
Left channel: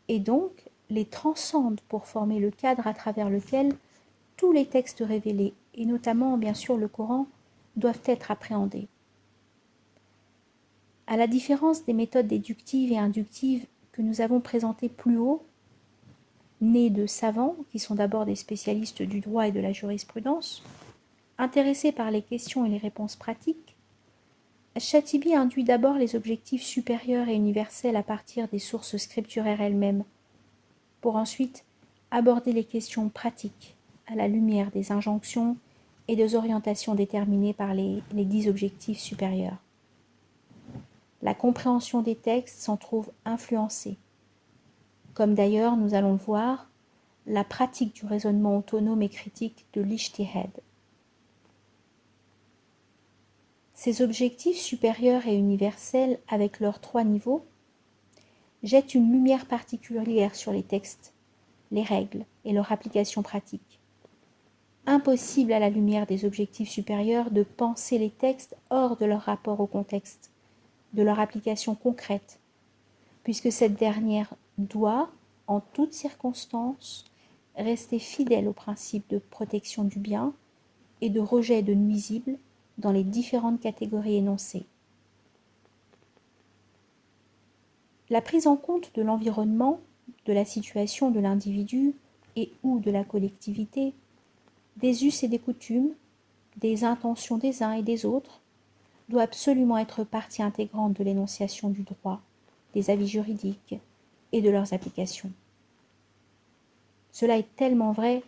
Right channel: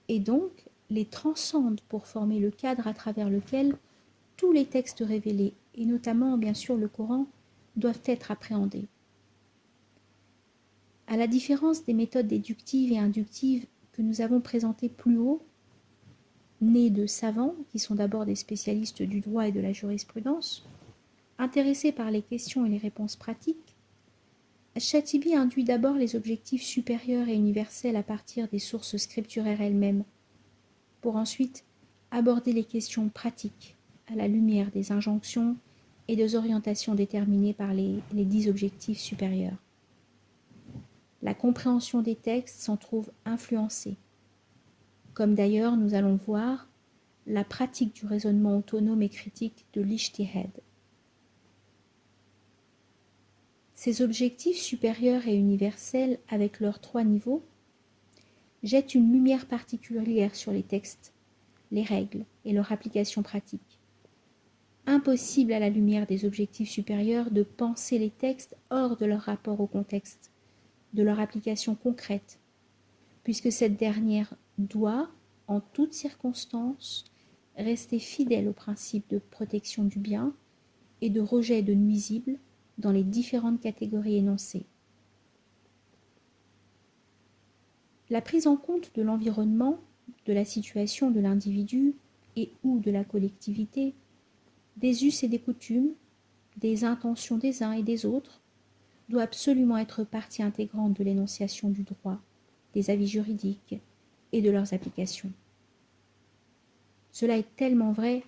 et donc les transcendent pour former le cadre à travers lequel tous les textes révélés, et notamment bien sûr le Coran, doivent être appréhendés. À la différence des méthodes déductives et inductives que nous avons présentées plus haut, nées de savants qui sont d'abord des spécialistes du droit et de la jurisprudence, intéressés par les questions et les réponses pratiques, Chatibi induit d'abord les objectifs supérieurs et universels à partir des sources scripturaires elles-mêmes, pour ensuite aborder les questions pratiques à la lumière des injonctions et des orientations déterminées par les 10 objectifs supérieurs. La compréhension des textes s'en trouve influencée, comme d'ailleurs, nous allons le voir, la pratique du raisonnement autonome et critique de l'ijtihad. Ces objectifs supérieurs et universels, avec leurs 3 niveaux, jettent une lumière particulière sur les textes, les règles et leur application pratique. Impossible à la lumière des objectifs supérieurs de penser les textes hors de leur rapport au contexte, de leur application concrète, puisque cette dernière doit, en toutes circonstances, rester fidèle au principe de protection du bien et de rejet de nuisibles dans les différentes catégories énoncées. La prise en compte de l'environnement, de la situation de l'individu et ou de la collectivité, des us et des coutumes, des intentions des uns et des autres, doit absolument être partie intégrante de l'énonciation du droit, des avis juridiques et de leurs applications. Cela est tellement vrai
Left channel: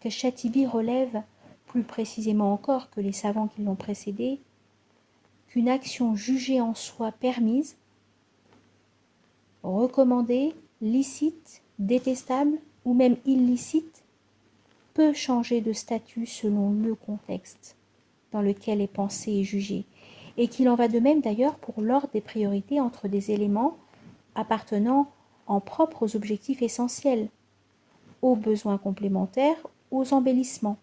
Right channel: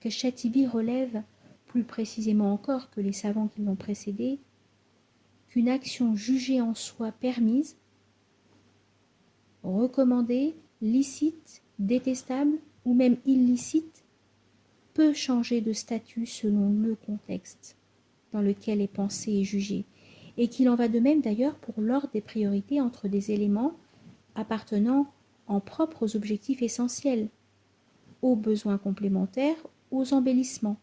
que Chatibi relève, plus précisément encore que les savants qui l'ont précédé, qu'une action jugée en soi permise, recommandée, licite, détestable ou même illicite, peut changer de statut selon le contexte dans lequel est pensée et jugée, et qu'il en va de même d'ailleurs pour l'ordre des priorités entre des éléments appartenant en propre aux objectifs essentiels, aux besoins complémentaires, aux embellissements,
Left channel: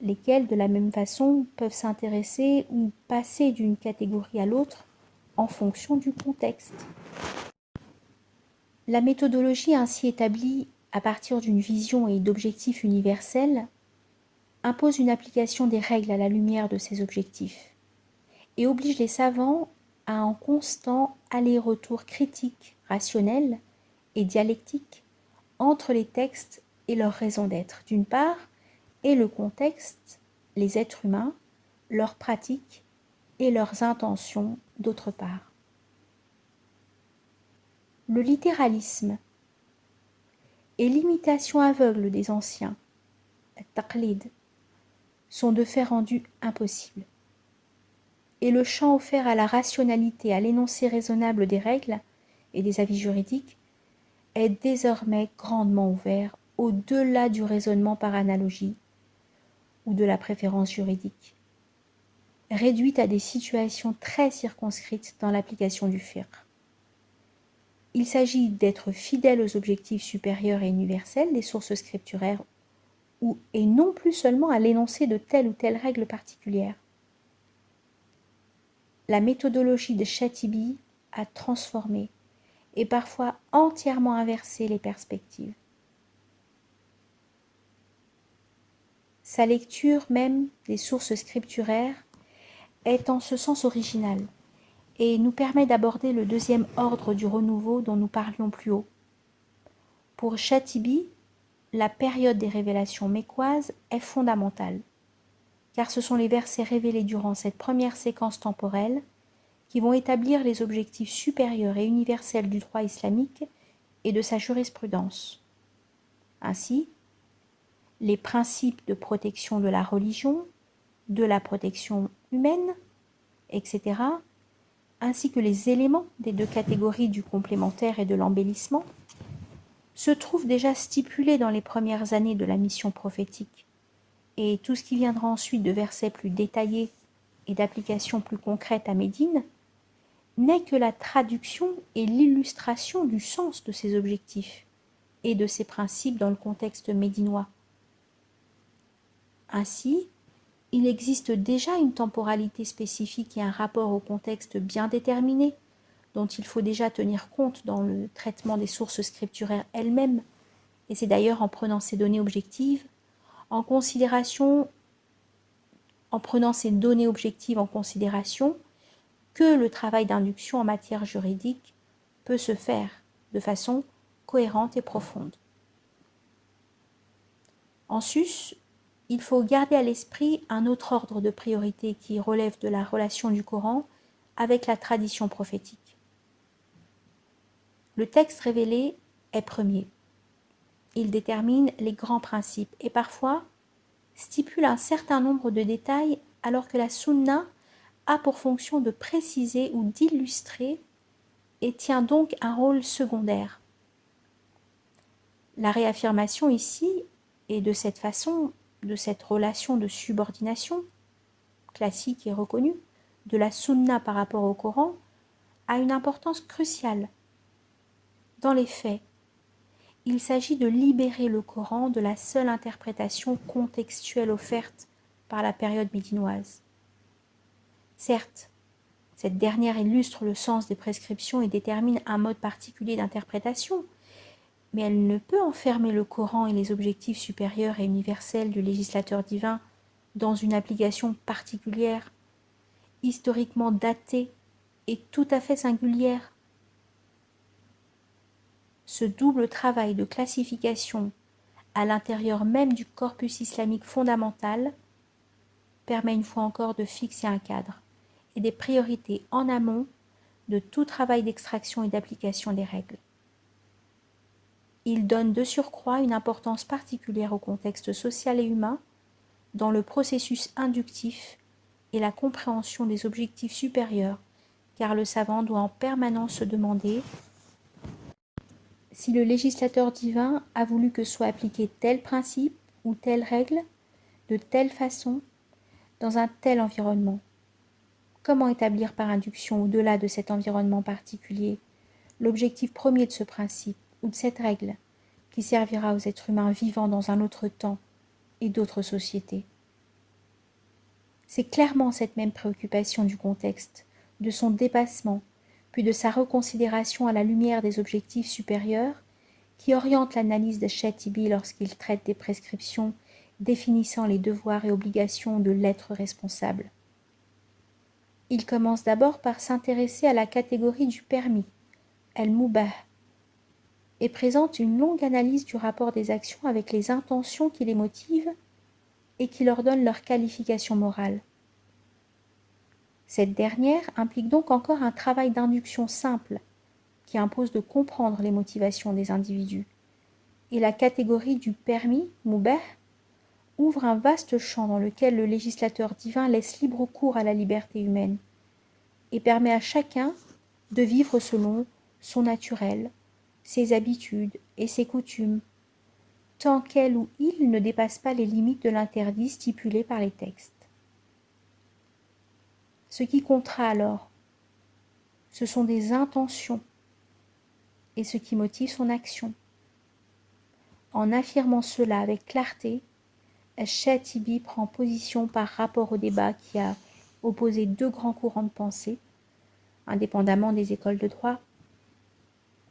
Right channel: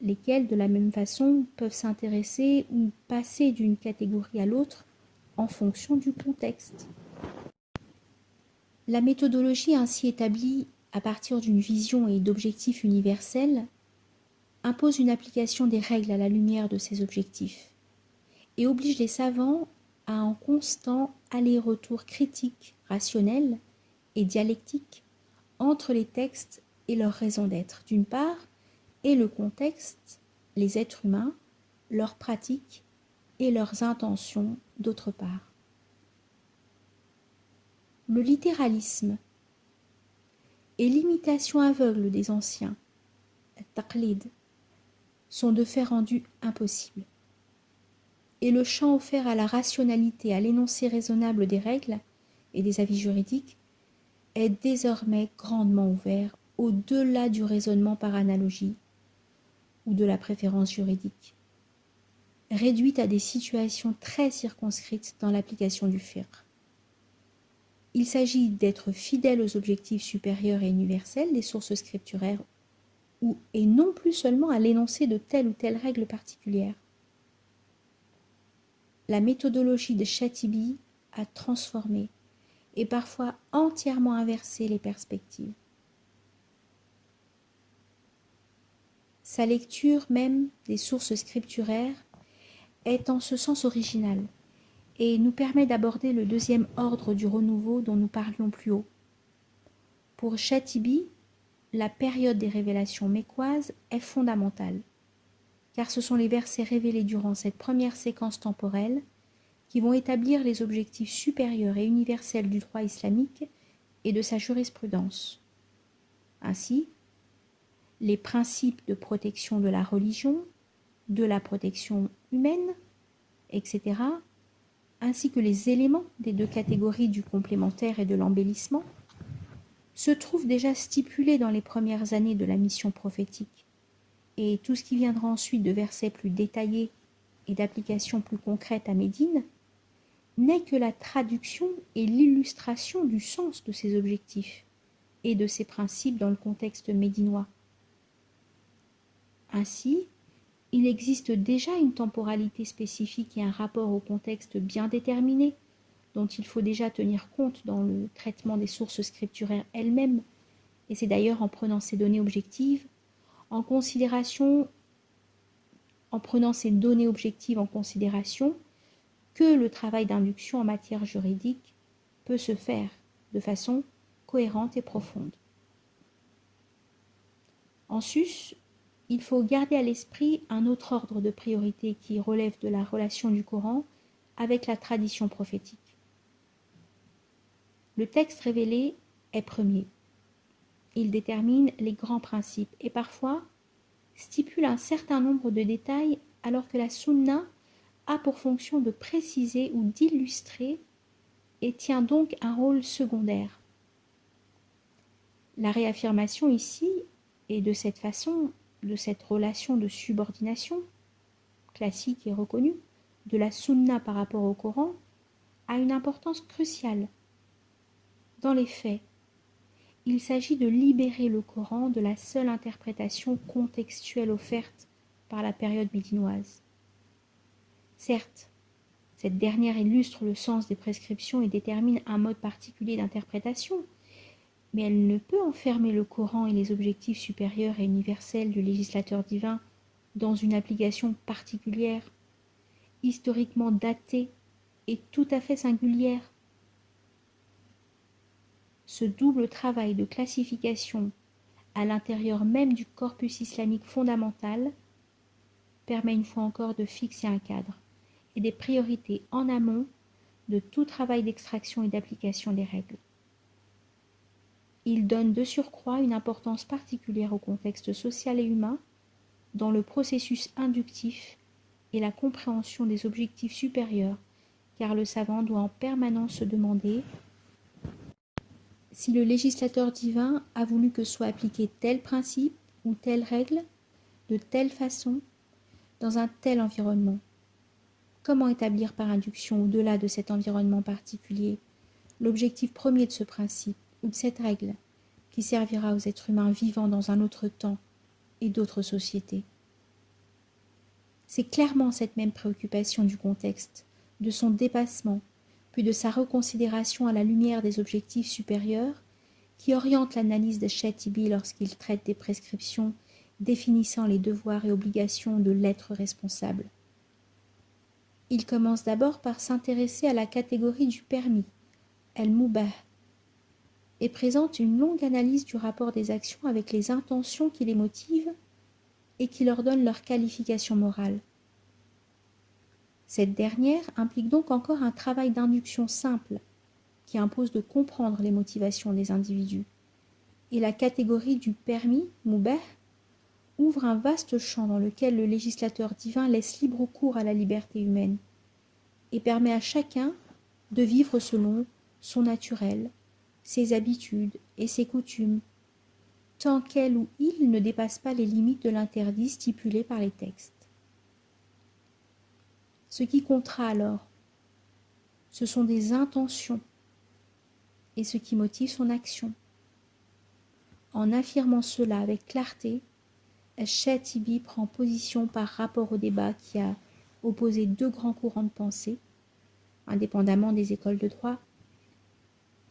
lesquels de la même façon peuvent s'intéresser ou passer d'une catégorie à l'autre en fonction du contexte. La méthodologie ainsi établie à partir d'une vision et d'objectifs universels impose une application des règles à la lumière de ces objectifs et oblige les savants à un constant aller-retour critique, rationnel et dialectique entre les textes et leur raison d'être, d'une part, et le contexte, les êtres humains, leurs pratiques et leurs intentions, d'autre part. Le littéralisme et l'imitation aveugle des anciens, taqlid, sont de fait rendus impossibles. Et le champ offert à la rationalité, à l'énoncé raisonnable des règles et des avis juridiques est désormais grandement ouvert au-delà du raisonnement par analogie ou de la préférence juridique, réduite à des situations très circonscrites dans l'application du fiqh. Il s'agit d'être fidèle aux objectifs supérieurs et universels des sources scripturaires et non plus seulement à l'énoncé de telle ou telle règle particulière. La méthodologie de Chatibi a transformé et parfois entièrement inversé les perspectives. Sa lecture même des sources scripturaires est en ce sens original et nous permet d'aborder le deuxième ordre du renouveau dont nous parlions plus haut. Pour Shatibi, la période des révélations mécoises est fondamentale, car ce sont les versets révélés durant cette première séquence temporelle qui vont établir les objectifs supérieurs et universels du droit islamique et de sa jurisprudence. Ainsi, les principes de protection de la religion, de la protection humaine, etc., ainsi que les éléments des deux catégories du complémentaire et de l'embellissement, se trouvent déjà stipulés dans les premières années de la mission prophétique, et tout ce qui viendra ensuite de versets plus détaillés et d'applications plus concrètes à Médine n'est que la traduction et l'illustration du sens de ces objectifs et de ces principes dans le contexte médinois. Ainsi, il existe déjà une temporalité spécifique et un rapport au contexte bien déterminé dont il faut déjà tenir compte dans le traitement des sources scripturaires elles-mêmes, et c'est d'ailleurs en prenant ces données objectives en prenant ces données objectives en considération que le travail d'induction en matière juridique peut se faire de façon cohérente et profonde. En sus, il faut garder à l'esprit un autre ordre de priorité qui relève de la relation du Coran avec la tradition prophétique. Le texte révélé est premier. Il détermine les grands principes et parfois stipule un certain nombre de détails alors que la sunna a pour fonction de préciser ou d'illustrer et tient donc un rôle secondaire. La réaffirmation ici est de cette façon, de cette relation de subordination classique et reconnue de la sunna par rapport au Coran a une importance cruciale. Dans les faits, il s'agit de libérer le Coran de la seule interprétation contextuelle offerte par la période médinoise. Certes, cette dernière illustre le sens des prescriptions et détermine un mode particulier d'interprétation, mais elle ne peut enfermer le Coran et les objectifs supérieurs et universels du législateur divin dans une application particulière, historiquement datée et tout à fait singulière. Ce double travail de classification à l'intérieur même du corpus islamique fondamental permet une fois encore de fixer un cadre et des priorités en amont de tout travail d'extraction et d'application des règles. Il donne de surcroît une importance particulière au contexte social et humain dans le processus inductif et la compréhension des objectifs supérieurs, car le savant doit en permanence se demander si le législateur divin a voulu que soit appliqué tel principe ou telle règle, de telle façon, dans un tel environnement. Comment établir par induction au-delà de cet environnement particulier l'objectif premier de ce principe ou de cette règle qui servira aux êtres humains vivant dans un autre temps et d'autres sociétés. C'est clairement cette même préoccupation du contexte, de son dépassement, puis de sa reconsidération à la lumière des objectifs supérieurs, qui oriente l'analyse de Shatibi lorsqu'il traite des prescriptions définissant les devoirs et obligations de l'être responsable. Il commence d'abord par s'intéresser à la catégorie du permis, el-mubah, et présente une longue analyse du rapport des actions avec les intentions qui les motivent et qui leur donnent leur qualification morale. Cette dernière implique donc encore un travail d'induction simple qui impose de comprendre les motivations des individus. Et la catégorie du permis, mubah, ouvre un vaste champ dans lequel le législateur divin laisse libre cours à la liberté humaine et permet à chacun de vivre selon son naturel, ses habitudes et ses coutumes, tant qu'elle ou il ne dépasse pas les limites de l'interdit stipulé par les textes. Ce qui comptera alors, ce sont des intentions et ce qui motive son action. En affirmant cela avec clarté, Shatibi prend position par rapport au débat qui a opposé deux grands courants de pensée, indépendamment des écoles de droit,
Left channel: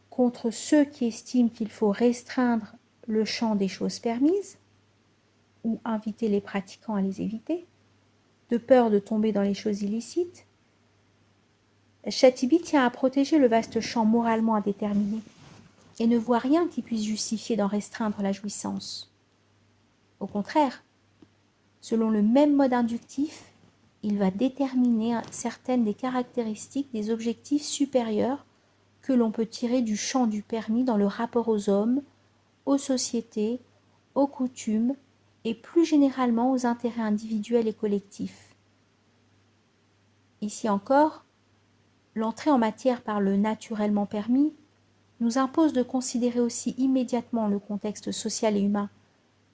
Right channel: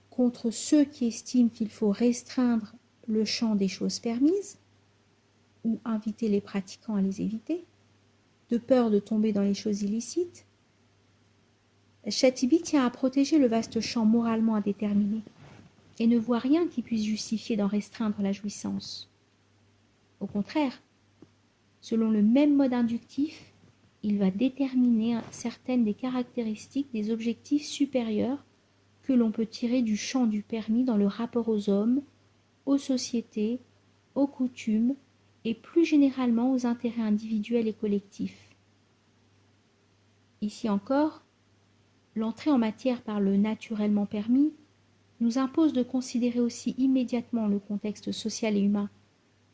contre ceux qui estiment qu'il faut restreindre le champ des choses permises ou inviter les pratiquants à les éviter, de peur de tomber dans les choses illicites, Shatibi tient à protéger le vaste champ moralement indéterminé et ne voit rien qui puisse justifier d'en restreindre la jouissance. Au contraire, selon le même mode inductif, il va déterminer certaines des caractéristiques des objectifs supérieurs que l'on peut tirer du champ du permis dans le rapport aux hommes, aux sociétés, aux coutumes et plus généralement aux intérêts individuels et collectifs. Ici encore, l'entrée en matière par le naturellement permis nous impose de considérer aussi immédiatement le contexte social et humain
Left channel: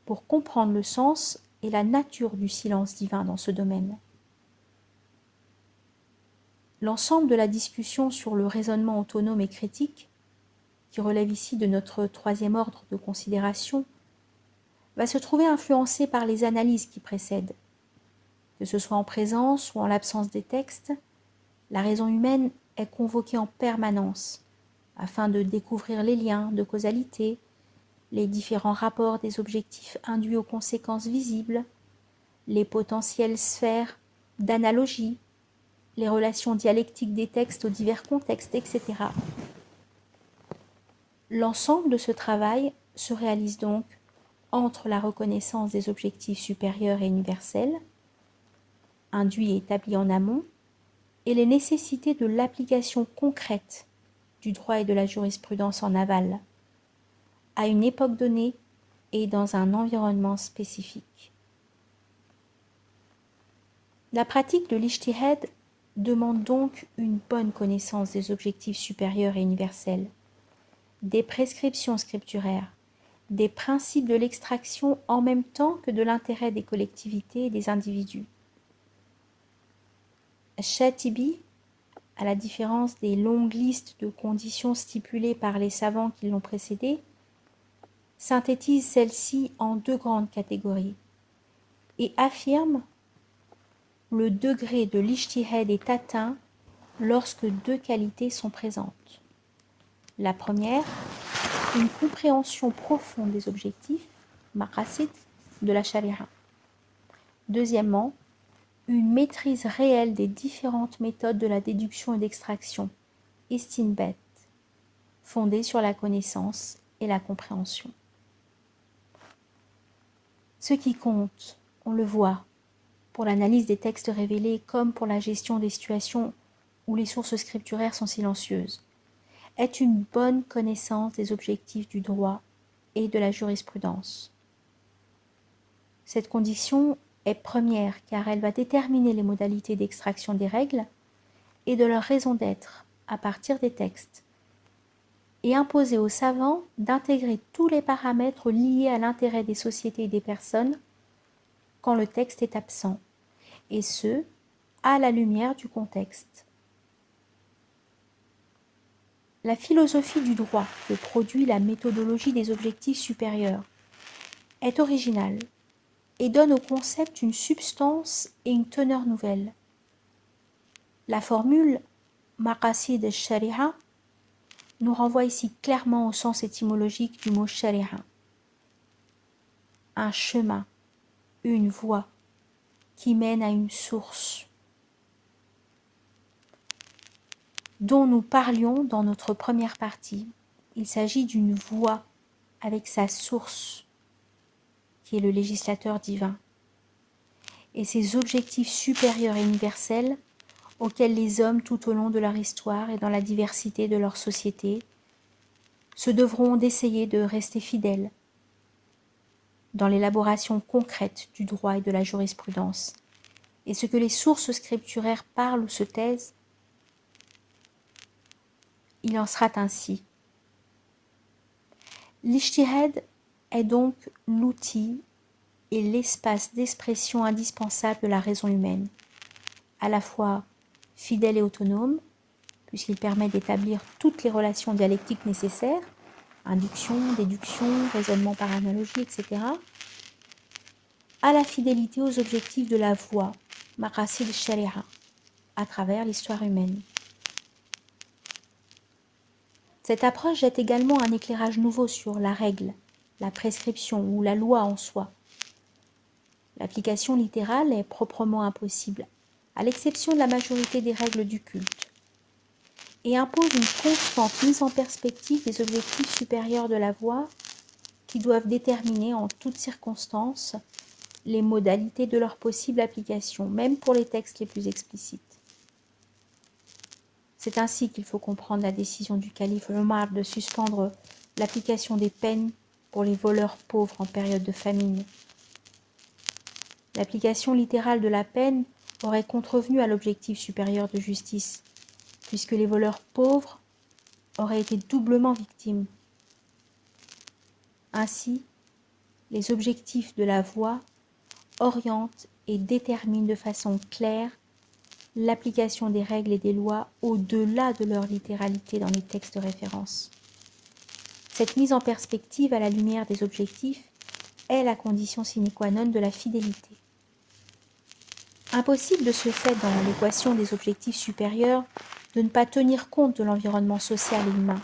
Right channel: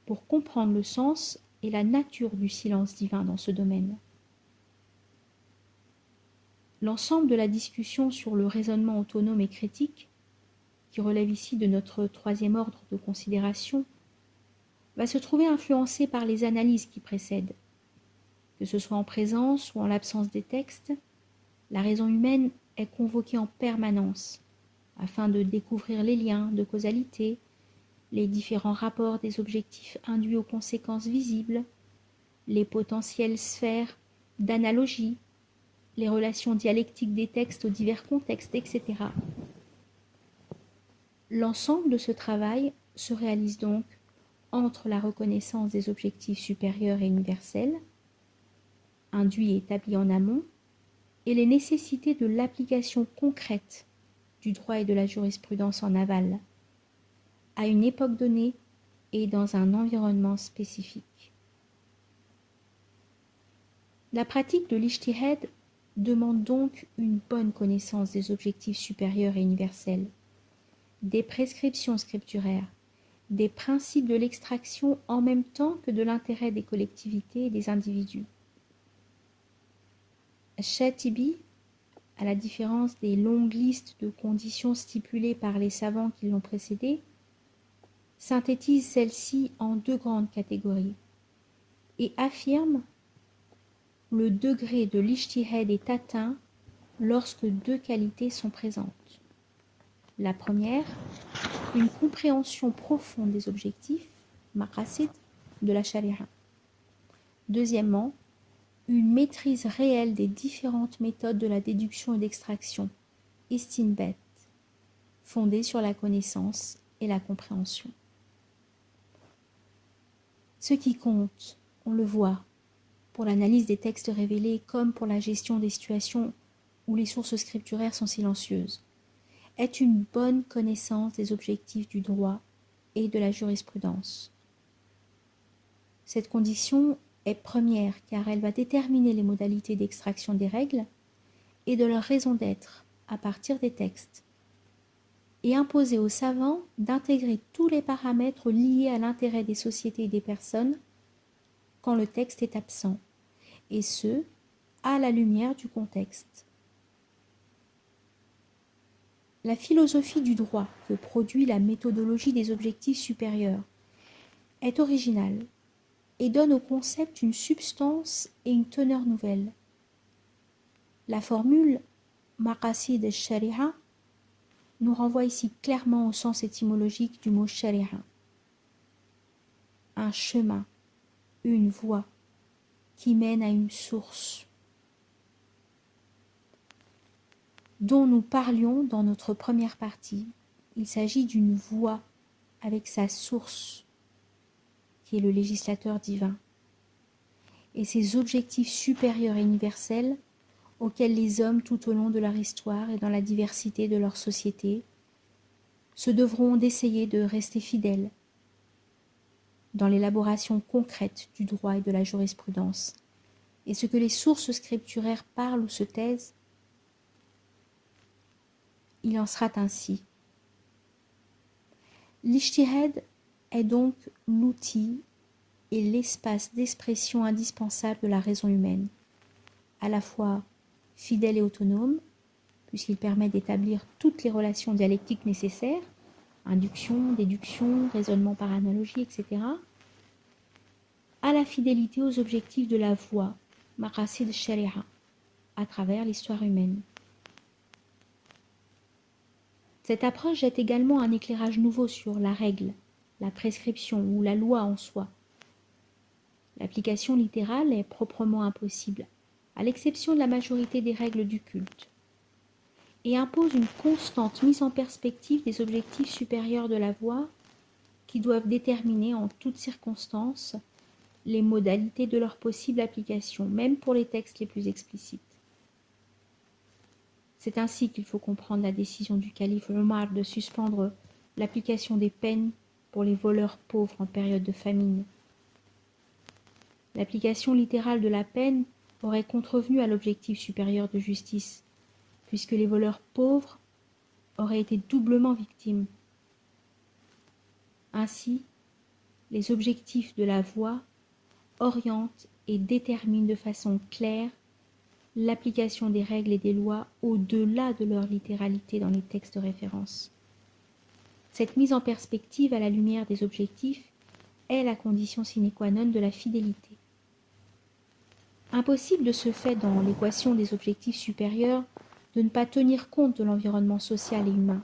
pour comprendre le sens et la nature du silence divin dans ce domaine. L'ensemble de la discussion sur le raisonnement autonome et critique, qui relève ici de notre troisième ordre de considération, va se trouver influencé par les analyses qui précèdent. Que ce soit en présence ou en l'absence des textes, la raison humaine est convoquée en permanence afin de découvrir les liens de causalité, les différents rapports des objectifs induits aux conséquences visibles, les potentielles sphères d'analogie, les relations dialectiques des textes aux divers contextes, etc. L'ensemble de ce travail se réalise donc entre la reconnaissance des objectifs supérieurs et universels, induits et établis en amont, et les nécessités de l'application concrète du droit et de la jurisprudence en aval, à une époque donnée et dans un environnement spécifique. La pratique de l'ijtihad demande donc une bonne connaissance des objectifs supérieurs et universels, des prescriptions scripturaires, des principes de l'extraction en même temps que de l'intérêt des collectivités et des individus. Shatibi, à la différence des longues listes de conditions stipulées par les savants qui l'ont précédé, synthétise celles-ci en deux grandes catégories et affirme le degré de l'ijtihad est atteint lorsque deux qualités sont présentes. La première, une compréhension profonde des objectifs, maqasid, de la sharia. Deuxièmement, une maîtrise réelle des différentes méthodes de la déduction et d'extraction, istinbat, fondée sur la connaissance et la compréhension. Ce qui compte, on le voit, pour l'analyse des textes révélés comme pour la gestion des situations où les sources scripturaires sont silencieuses, est une bonne connaissance des objectifs du droit et de la jurisprudence. Cette condition est première car elle va déterminer les modalités d'extraction des règles et de leur raison d'être à partir des textes et imposer aux savants d'intégrer tous les paramètres liés à l'intérêt des sociétés et des personnes quand le texte est absent, et ce, à la lumière du contexte. La philosophie du droit que produit la méthodologie des objectifs supérieurs est originale et donne au concept une substance et une teneur nouvelle. La formule « maqasid al-sharia » nous renvoie ici clairement au sens étymologique du mot « sharia », un chemin, une voie qui mène à une source, dont nous parlions dans notre première partie. Il s'agit d'une voie avec sa source, qui est le législateur divin, et ses objectifs supérieurs et universels auxquels les hommes tout au long de leur histoire et dans la diversité de leur société se devront d'essayer de rester fidèles dans l'élaboration concrète du droit et de la jurisprudence. Et ce que les sources scripturaires parlent ou se taisent, il en sera ainsi. L'ijtihad est donc l'outil et l'espace d'expression indispensable de la raison humaine, à la fois fidèle et autonome, puisqu'il permet d'établir toutes les relations dialectiques nécessaires, induction, déduction, raisonnement par analogie, etc., à la fidélité aux objectifs de la voie, maqasid sharia, à travers l'histoire humaine. Cette approche jette également un éclairage nouveau sur la règle, la prescription ou la loi en soi. L'application littérale est proprement impossible, à l'exception de la majorité des règles du culte, et impose une constante mise en perspective des objectifs supérieurs de la voie qui doivent déterminer en toutes circonstances les modalités de leur possible application, même pour les textes les plus explicites. C'est ainsi qu'il faut comprendre la décision du calife Omar de suspendre l'application des peines pour les voleurs pauvres en période de famine. L'application littérale de la peine aurait contrevenu à l'objectif supérieur de justice, puisque les voleurs pauvres auraient été doublement victimes. Ainsi, les objectifs de la voie orientent et déterminent de façon claire l'application des règles et des lois au-delà de leur littéralité dans les textes de référence. Cette mise en perspective à la lumière des objectifs est la condition sine qua non de la fidélité. Impossible de ce fait dans l'équation des objectifs supérieurs de ne pas tenir compte de l'environnement social et humain.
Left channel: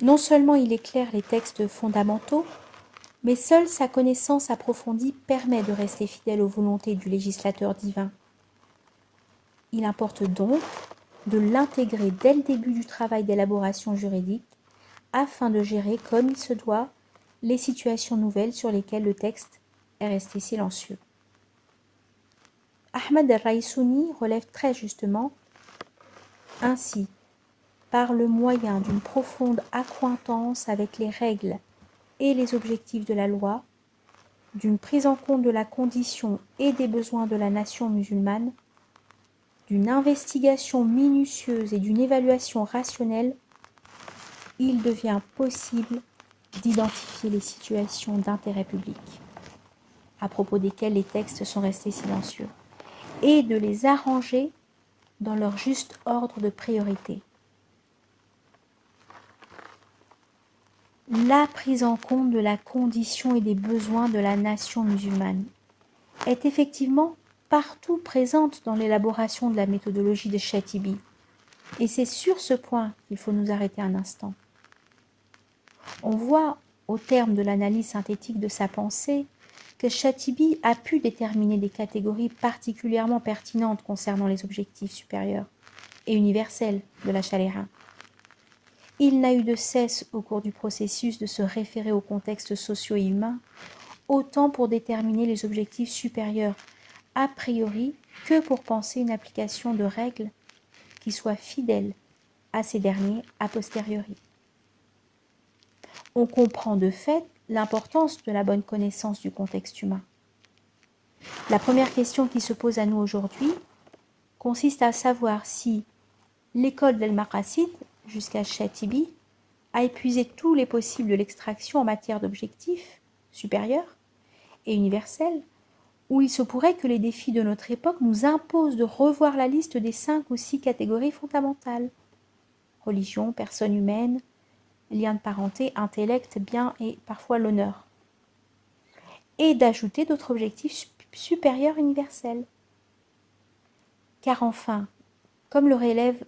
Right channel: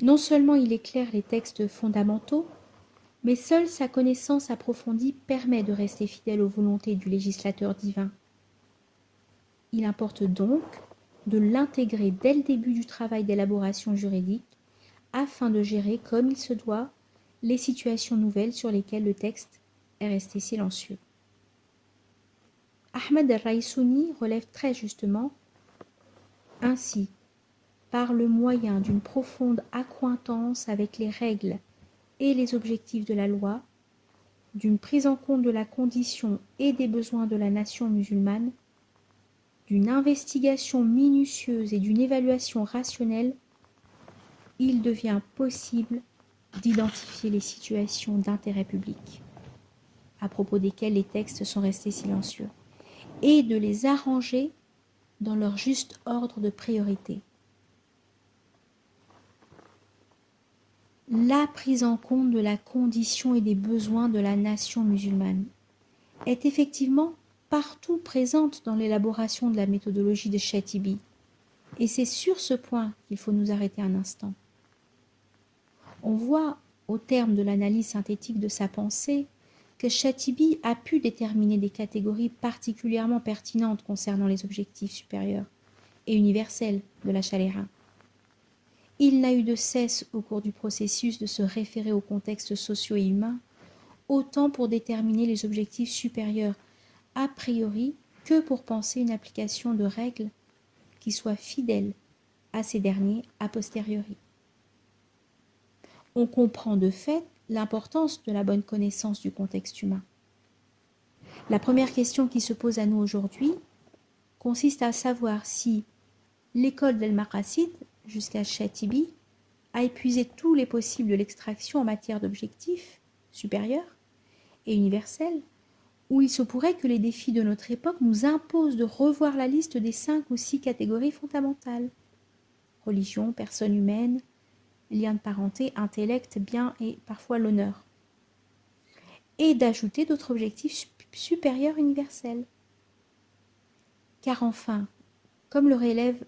Non seulement il éclaire les textes fondamentaux, mais seule sa connaissance approfondie permet de rester fidèle aux volontés du législateur divin. Il importe donc de l'intégrer dès le début du travail d'élaboration juridique afin de gérer comme il se doit les situations nouvelles sur lesquelles le texte est resté silencieux. Ahmad al-Raïsouni relève très justement ainsi, par le moyen d'une profonde accointance avec les règles et les objectifs de la loi, d'une prise en compte de la condition et des besoins de la nation musulmane, d'une investigation minutieuse et d'une évaluation rationnelle, il devient possible d'identifier les situations d'intérêt public, à propos desquelles les textes sont restés silencieux, et de les arranger dans leur juste ordre de priorité. La prise en compte de la condition et des besoins de la nation musulmane est effectivement partout présente dans l'élaboration de la méthodologie de Chatibi, et c'est sur ce point qu'il faut nous arrêter un instant. On voit, au terme de l'analyse synthétique de sa pensée, que Chatibi a pu déterminer des catégories particulièrement pertinentes concernant les objectifs supérieurs et universels de la chaléra. Il n'a eu de cesse au cours du processus de se référer aux contextes sociaux et humains, autant pour déterminer les objectifs supérieurs a priori que pour penser une application de règles qui soit fidèle à ces derniers a posteriori. On comprend de fait l'importance de la bonne connaissance du contexte humain. La première question qui se pose à nous aujourd'hui consiste à savoir si l'école d'El-Maqasid, jusqu'à Chatibi, a épuisé tous les possibles de l'extraction en matière d'objectifs supérieurs et universels, ou il se pourrait que les défis de notre époque nous imposent de revoir la liste des 5 ou 6 catégories fondamentales: religion, personne humaine, lien de parenté, intellect, bien et parfois l'honneur, et d'ajouter d'autres objectifs supérieurs universels. Car enfin, comme le relève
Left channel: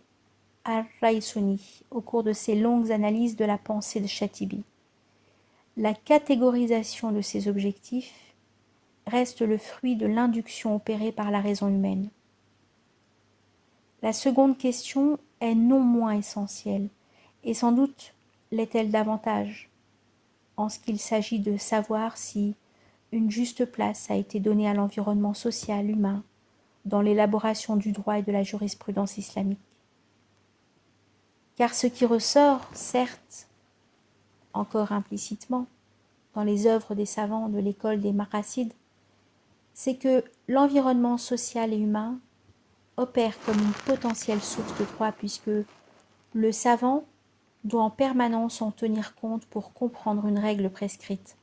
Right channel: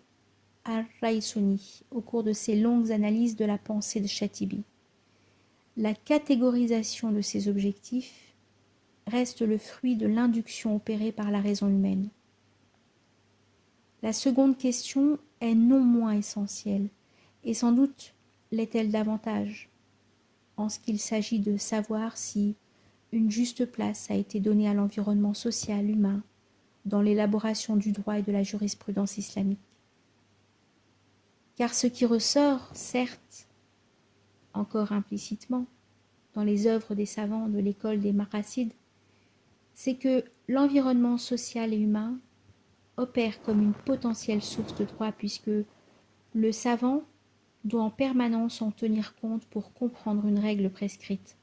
al-Raïsouni au cours de ses longues analyses de la pensée de Chatibi, la catégorisation de ces objectifs reste le fruit de l'induction opérée par la raison humaine. La seconde question est non moins essentielle, et sans doute l'est-elle davantage, en ce qu'il s'agit de savoir si une juste place a été donnée à l'environnement social humain dans l'élaboration du droit et de la jurisprudence islamique. Car ce qui ressort, certes, encore implicitement, dans les œuvres des savants de l'école des Maqasid, c'est que l'environnement social et humain opère comme une potentielle source de droit, puisque le savant doit en permanence en tenir compte pour comprendre une règle prescrite,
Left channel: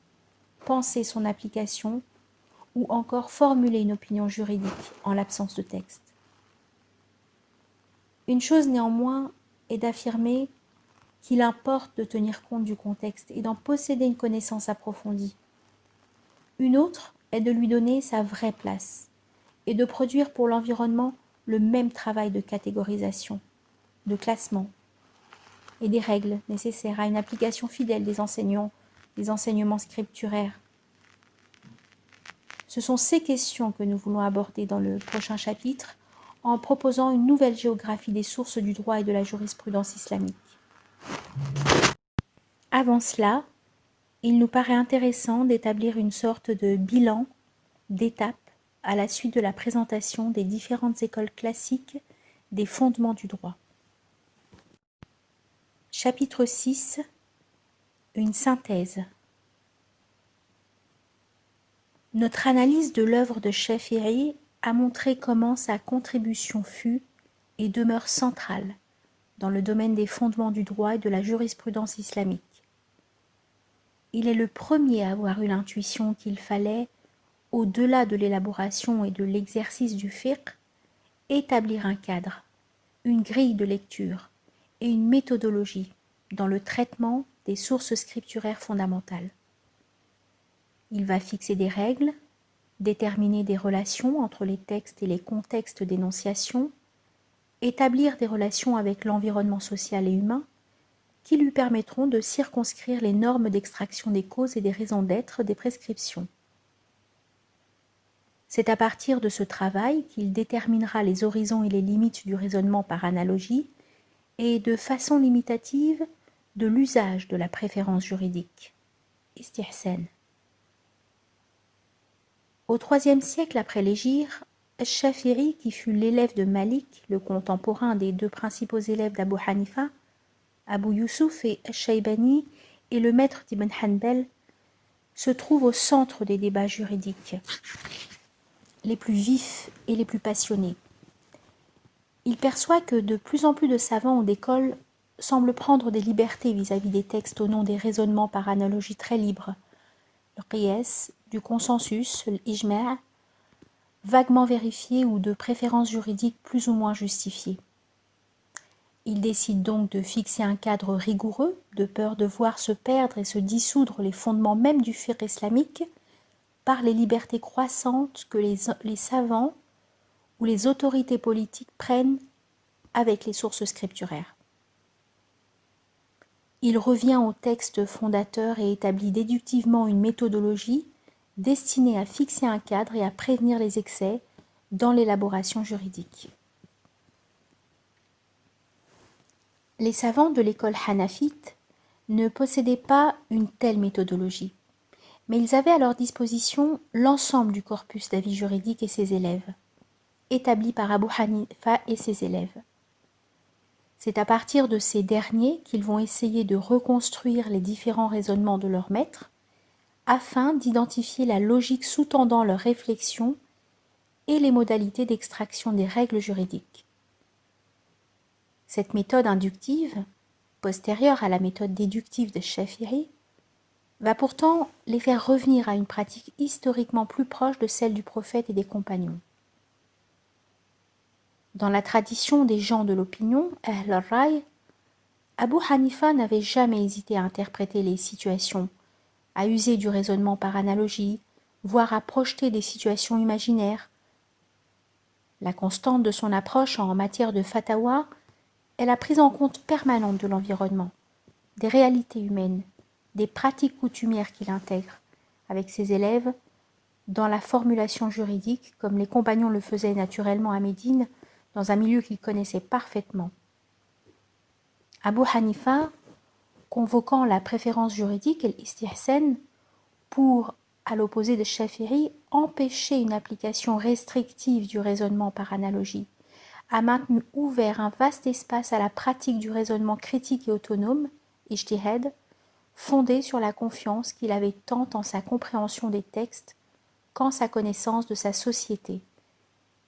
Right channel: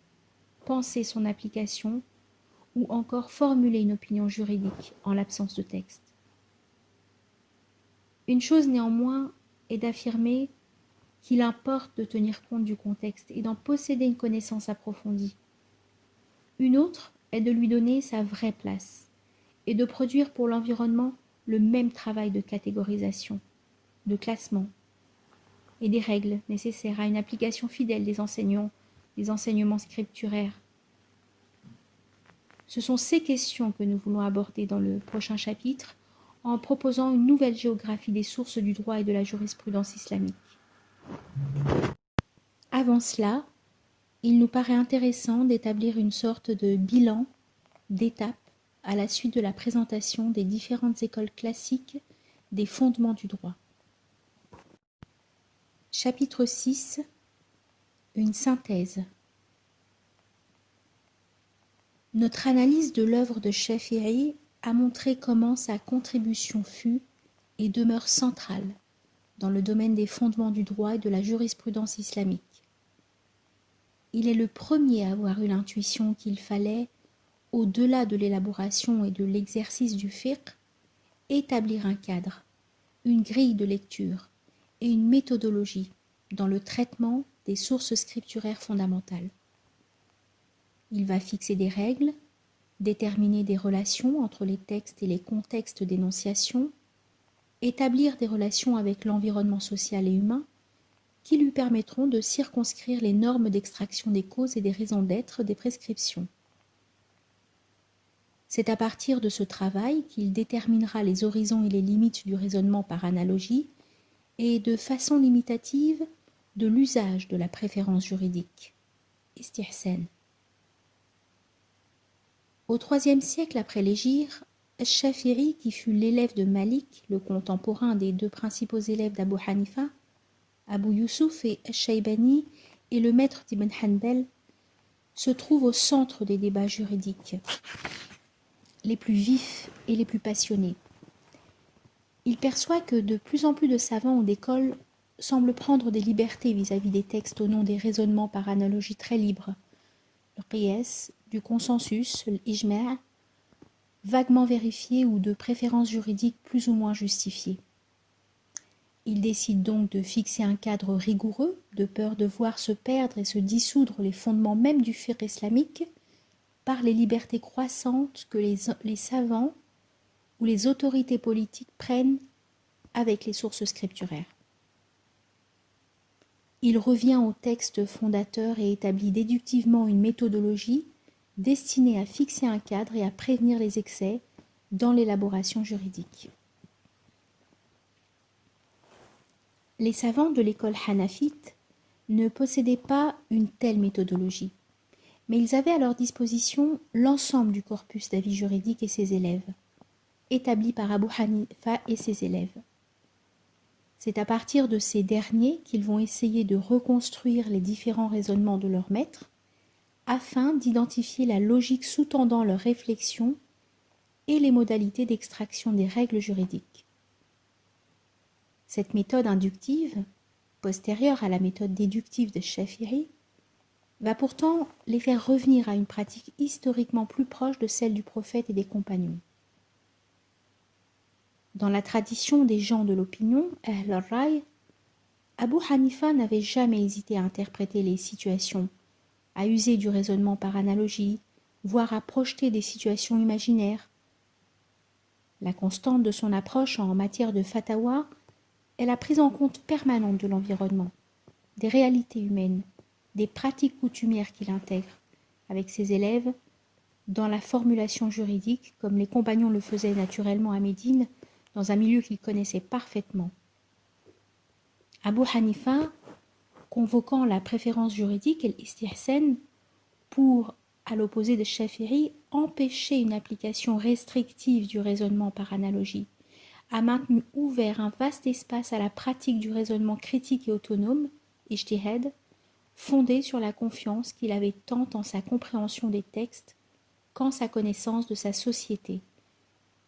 penser son application ou encore formuler une opinion juridique en l'absence de texte. Une chose néanmoins est d'affirmer qu'il importe de tenir compte du contexte et d'en posséder une connaissance approfondie. Une autre est de lui donner sa vraie place et de produire pour l'environnement le même travail de catégorisation, de classement et des règles nécessaires à une application fidèle des enseignements scripturaires. Ce sont ces questions que nous voulons aborder dans le prochain chapitre en proposant une nouvelle géographie des sources du droit et de la jurisprudence islamique. Avant cela, il nous paraît intéressant d'établir une sorte de bilan d'étape à la suite de la présentation des différentes écoles classiques des fondements du droit. Chapitre 6. Une synthèse. Notre analyse de l'œuvre de Shafi'i a montré comment sa contribution fut et demeure centrale dans le domaine des fondements du droit et de la jurisprudence islamique. Il est le premier à avoir eu l'intuition qu'il fallait, au-delà de l'élaboration et de l'exercice du fiqh, établir un cadre, une grille de lecture et une méthodologie dans le traitement des sources scripturaires fondamentales. Il va fixer des règles, déterminer des relations entre les textes et les contextes d'énonciation, établir des relations avec l'environnement social et humain qui lui permettront de circonscrire les normes d'extraction des causes et des raisons d'être des prescriptions. C'est à partir de ce travail qu'il déterminera les horizons et les limites du raisonnement par analogie et, de façon limitative, de l'usage de la préférence juridique. Istihsan. Au IIIe siècle après l'hégire, Shafi'i, qui fut l'élève de Malik, le contemporain des deux principaux élèves d'Abu Hanifa, Abu Yusuf et Shaybani, et le maître d'Ibn Hanbal, se trouve au centre des débats juridiques les plus vifs et les plus passionnés. Il perçoit que de plus en plus de savants ou d'écoles semblent prendre des libertés vis-à-vis des textes au nom des raisonnements par analogie très libres, le qiyas, du consensus, l'ijma', vaguement vérifié ou de préférences juridiques plus ou moins justifiées. Il décide donc de fixer un cadre rigoureux, de peur de voir se perdre et se dissoudre les fondements même du fiqh islamique par les libertés croissantes que les savants ou les autorités politiques prennent avec les sources scripturaires. Il revient au texte fondateur et établit déductivement une méthodologie destinée à fixer un cadre et à prévenir les excès dans l'élaboration juridique. Les savants de l'école hanafite ne possédaient pas une telle méthodologie, mais ils avaient à leur disposition l'ensemble du corpus d'avis juridiques et ses élèves, établi par Abu Hanifa et ses élèves. C'est à partir de ces derniers qu'ils vont essayer de reconstruire les différents raisonnements de leur maître afin d'identifier la logique sous-tendant leur réflexion et les modalités d'extraction des règles juridiques. Cette méthode inductive, postérieure à la méthode déductive de Shafi'i, va pourtant les faire revenir à une pratique historiquement plus proche de celle du prophète et des compagnons. Dans la tradition des gens de l'opinion, Ahl al-Ray, Abu Hanifa n'avait jamais hésité à interpréter les situations, à user du raisonnement par analogie, voire à projeter des situations imaginaires. La constante de son approche en matière de fatawa est la prise en compte permanente de l'environnement, des réalités humaines, des pratiques coutumières qu'il intègre, avec ses élèves, dans la formulation juridique, comme les compagnons le faisaient naturellement à Médine, dans un milieu qu'ils connaissaient parfaitement. Abu Hanifa, convoquant la préférence juridique et l'istihsan pour, à l'opposé de Shafi'i, empêcher une application restrictive du raisonnement par analogie, a maintenu ouvert un vaste espace à la pratique du raisonnement critique et autonome, ijtihad, fondé sur la confiance qu'il avait tant en sa compréhension des textes qu'en sa connaissance de sa société.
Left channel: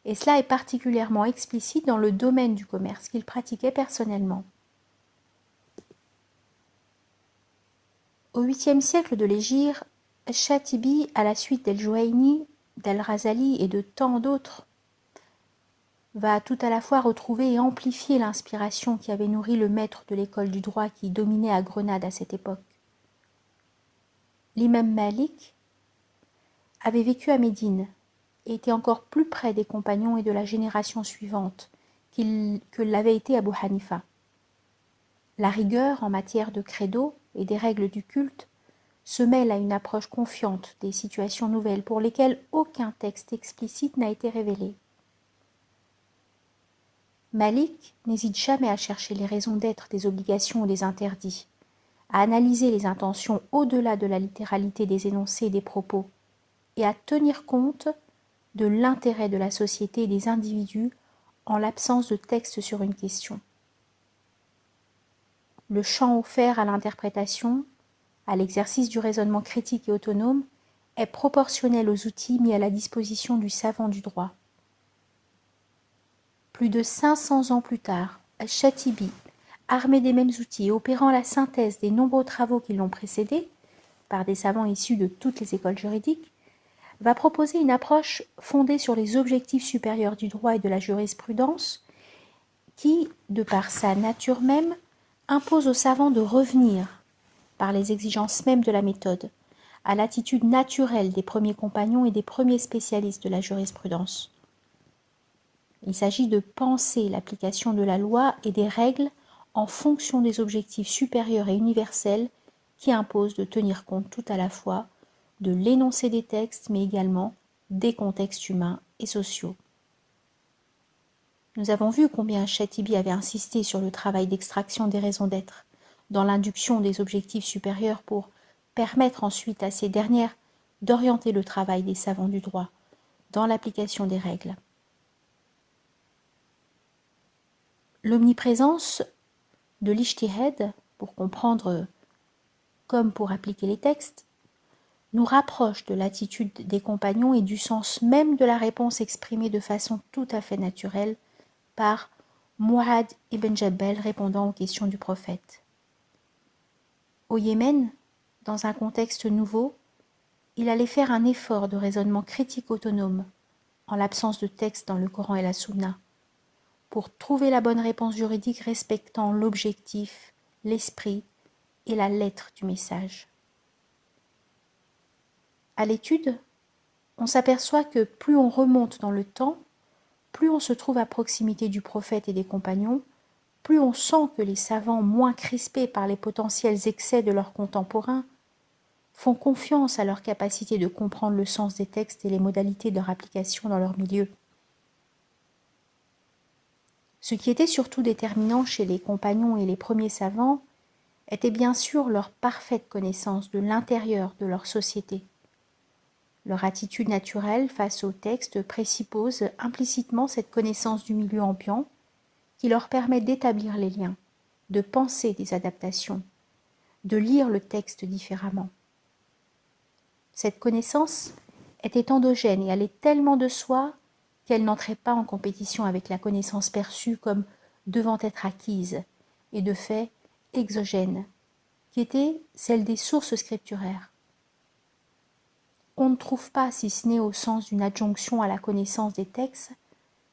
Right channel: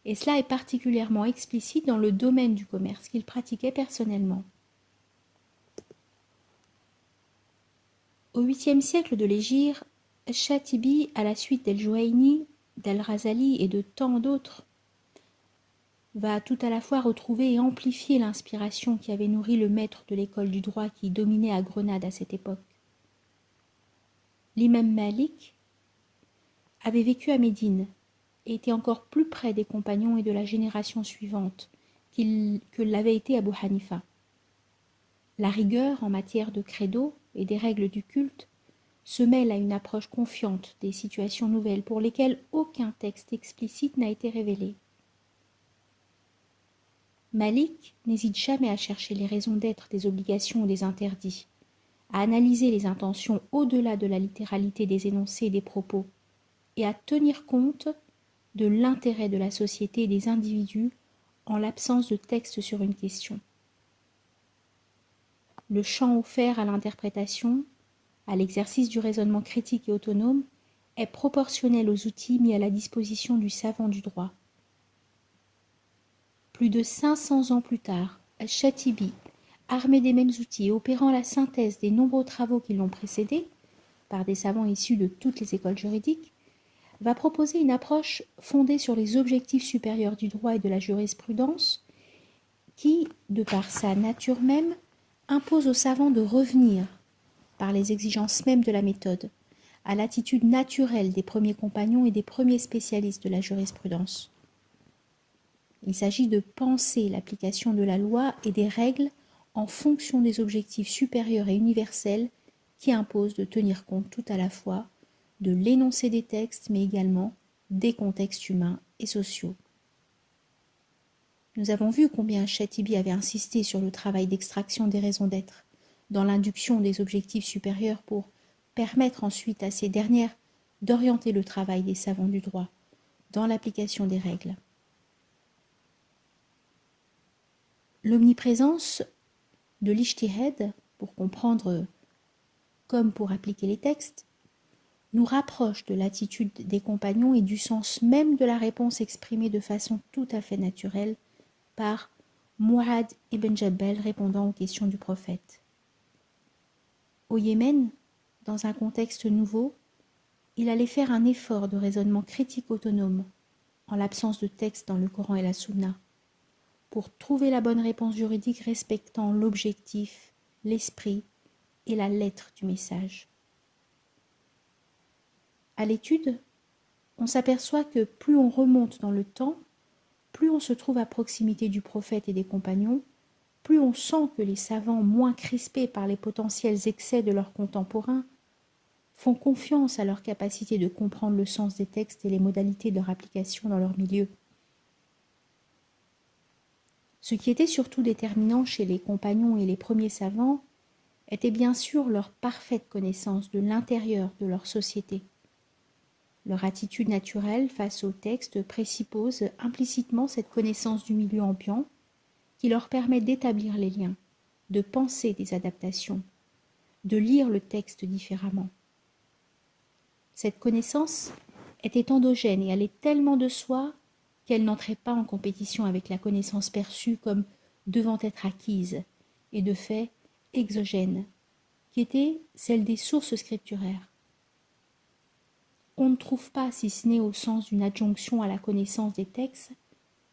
Et cela est particulièrement explicite dans le domaine du commerce qu'il pratiquait personnellement. Au 8e siècle de l'hégire, Shatibi, à la suite d'El-Juwayni, d'Al-Razali et de tant d'autres, va tout à la fois retrouver et amplifier l'inspiration qui avait nourri le maître de l'école du droit qui dominait à Grenade à cette époque. L'imam Malik avait vécu à Médine et était encore plus près des compagnons et de la génération suivante que l'avait été Abu Hanifa. La rigueur en matière de credo et des règles du culte se mêle à une approche confiante des situations nouvelles pour lesquelles aucun texte explicite n'a été révélé. Malik n'hésite jamais à chercher les raisons d'être des obligations ou des interdits, à analyser les intentions au-delà de la littéralité des énoncés et des propos, et à tenir compte de l'intérêt de la société et des individus en l'absence de texte sur une question. Le champ offert à l'interprétation, à l'exercice du raisonnement critique et autonome, est proportionnel aux outils mis à la disposition du savant du droit. Plus de 500 ans plus tard, Al-Shatibi, armé des mêmes outils et opérant la synthèse des nombreux travaux qui l'ont précédé, par des savants issus de toutes les écoles juridiques, va proposer une approche fondée sur les objectifs supérieurs du droit et de la jurisprudence qui, de par sa nature même, impose aux savants de revenir, par les exigences mêmes de la méthode, à l'attitude naturelle des premiers compagnons et des premiers spécialistes de la jurisprudence. Il s'agit de penser l'application de la loi et des règles en fonction des objectifs supérieurs et universels qui imposent de tenir compte tout à la fois de l'énoncé des textes, mais également des contextes humains et sociaux. Nous avons vu combien Shatibi avait insisté sur le travail d'extraction des raisons d'être, dans l'induction des objectifs supérieurs pour permettre ensuite à ces dernières d'orienter le travail des savants du droit dans l'application des règles. L'omniprésence de l'ijtihad, pour comprendre comme pour appliquer les textes, nous rapproche de l'attitude des compagnons et du sens même de la réponse exprimée de façon tout à fait naturelle par Mu'adh ibn Jabal répondant aux questions du prophète. Au Yémen, dans un contexte nouveau, il allait faire un effort de raisonnement critique autonome, en l'absence de texte dans le Coran et la Sunna, pour trouver la bonne réponse juridique respectant l'objectif, l'esprit et la lettre du message. À l'étude, on s'aperçoit que plus on remonte dans le temps, plus on se trouve à proximité du prophète et des compagnons, plus on sent que les savants moins crispés par les potentiels excès de leurs contemporains font confiance à leur capacité de comprendre le sens des textes et les modalités de leur application dans leur milieu. Ce qui était surtout déterminant chez les compagnons et les premiers savants était bien sûr leur parfaite connaissance de l'intérieur de leur société. Leur attitude naturelle face au texte présuppose implicitement cette connaissance du milieu ambiant qui leur permet d'établir les liens, de penser des adaptations, de lire le texte différemment. Cette connaissance était endogène et allait tellement de soi qu'elle n'entrait pas en compétition avec la connaissance perçue comme devant être acquise et de fait exogène, qui était celle des sources scripturaires. On ne trouve pas, si ce n'est au sens d'une adjonction à la connaissance des textes,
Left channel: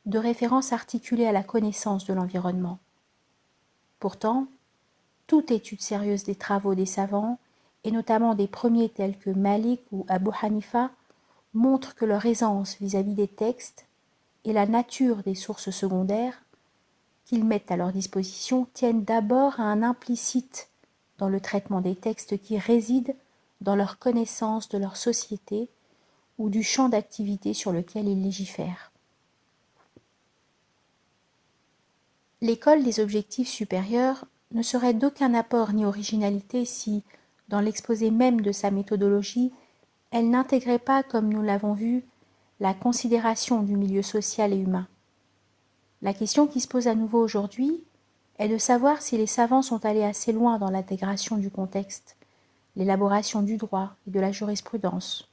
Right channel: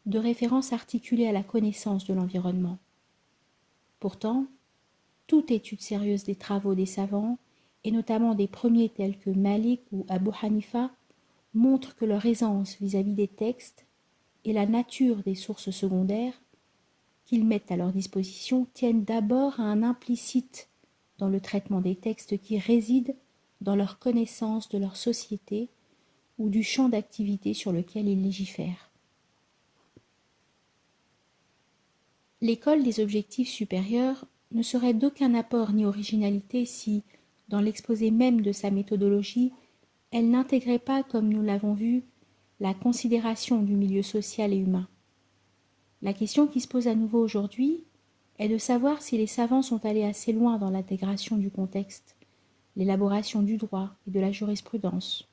de référence articulée à la connaissance de l'environnement. Pourtant, toute étude sérieuse des travaux des savants, et notamment des premiers tels que Malik ou Abu Hanifa, montre que leur aisance vis-à-vis des textes et la nature des sources secondaires qu'ils mettent à leur disposition tiennent d'abord à un implicite dans le traitement des textes qui réside dans leur connaissance de leur société ou du champ d'activité sur lequel ils légifèrent. L'école des objectifs supérieurs ne serait d'aucun apport ni originalité si, dans l'exposé même de sa méthodologie, elle n'intégrait pas, comme nous l'avons vu, la considération du milieu social et humain. La question qui se pose à nouveau aujourd'hui est de savoir si les savants sont allés assez loin dans l'intégration du contexte, l'élaboration du droit et de la jurisprudence.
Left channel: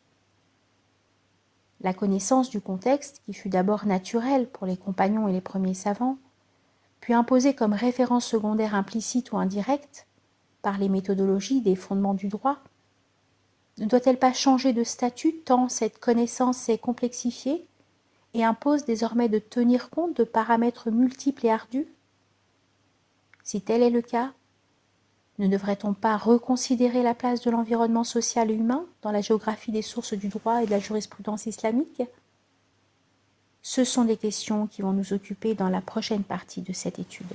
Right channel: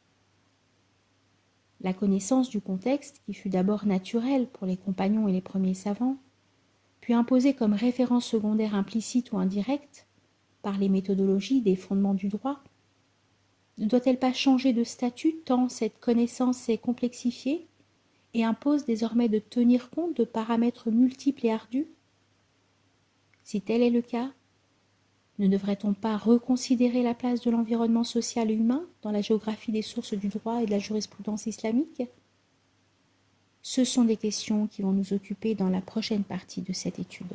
La connaissance du contexte, qui fut d'abord naturelle pour les compagnons et les premiers savants, puis imposée comme référence secondaire implicite ou indirecte par les méthodologies des fondements du droit, ne doit-elle pas changer de statut tant cette connaissance s'est complexifiée et impose désormais de tenir compte de paramètres multiples et ardus? Si tel est le cas, ne devrait-on pas reconsidérer la place de l'environnement social et humain dans la géographie des sources du droit et de la jurisprudence islamique? Ce sont des questions qui vont nous occuper dans la prochaine partie de cette étude.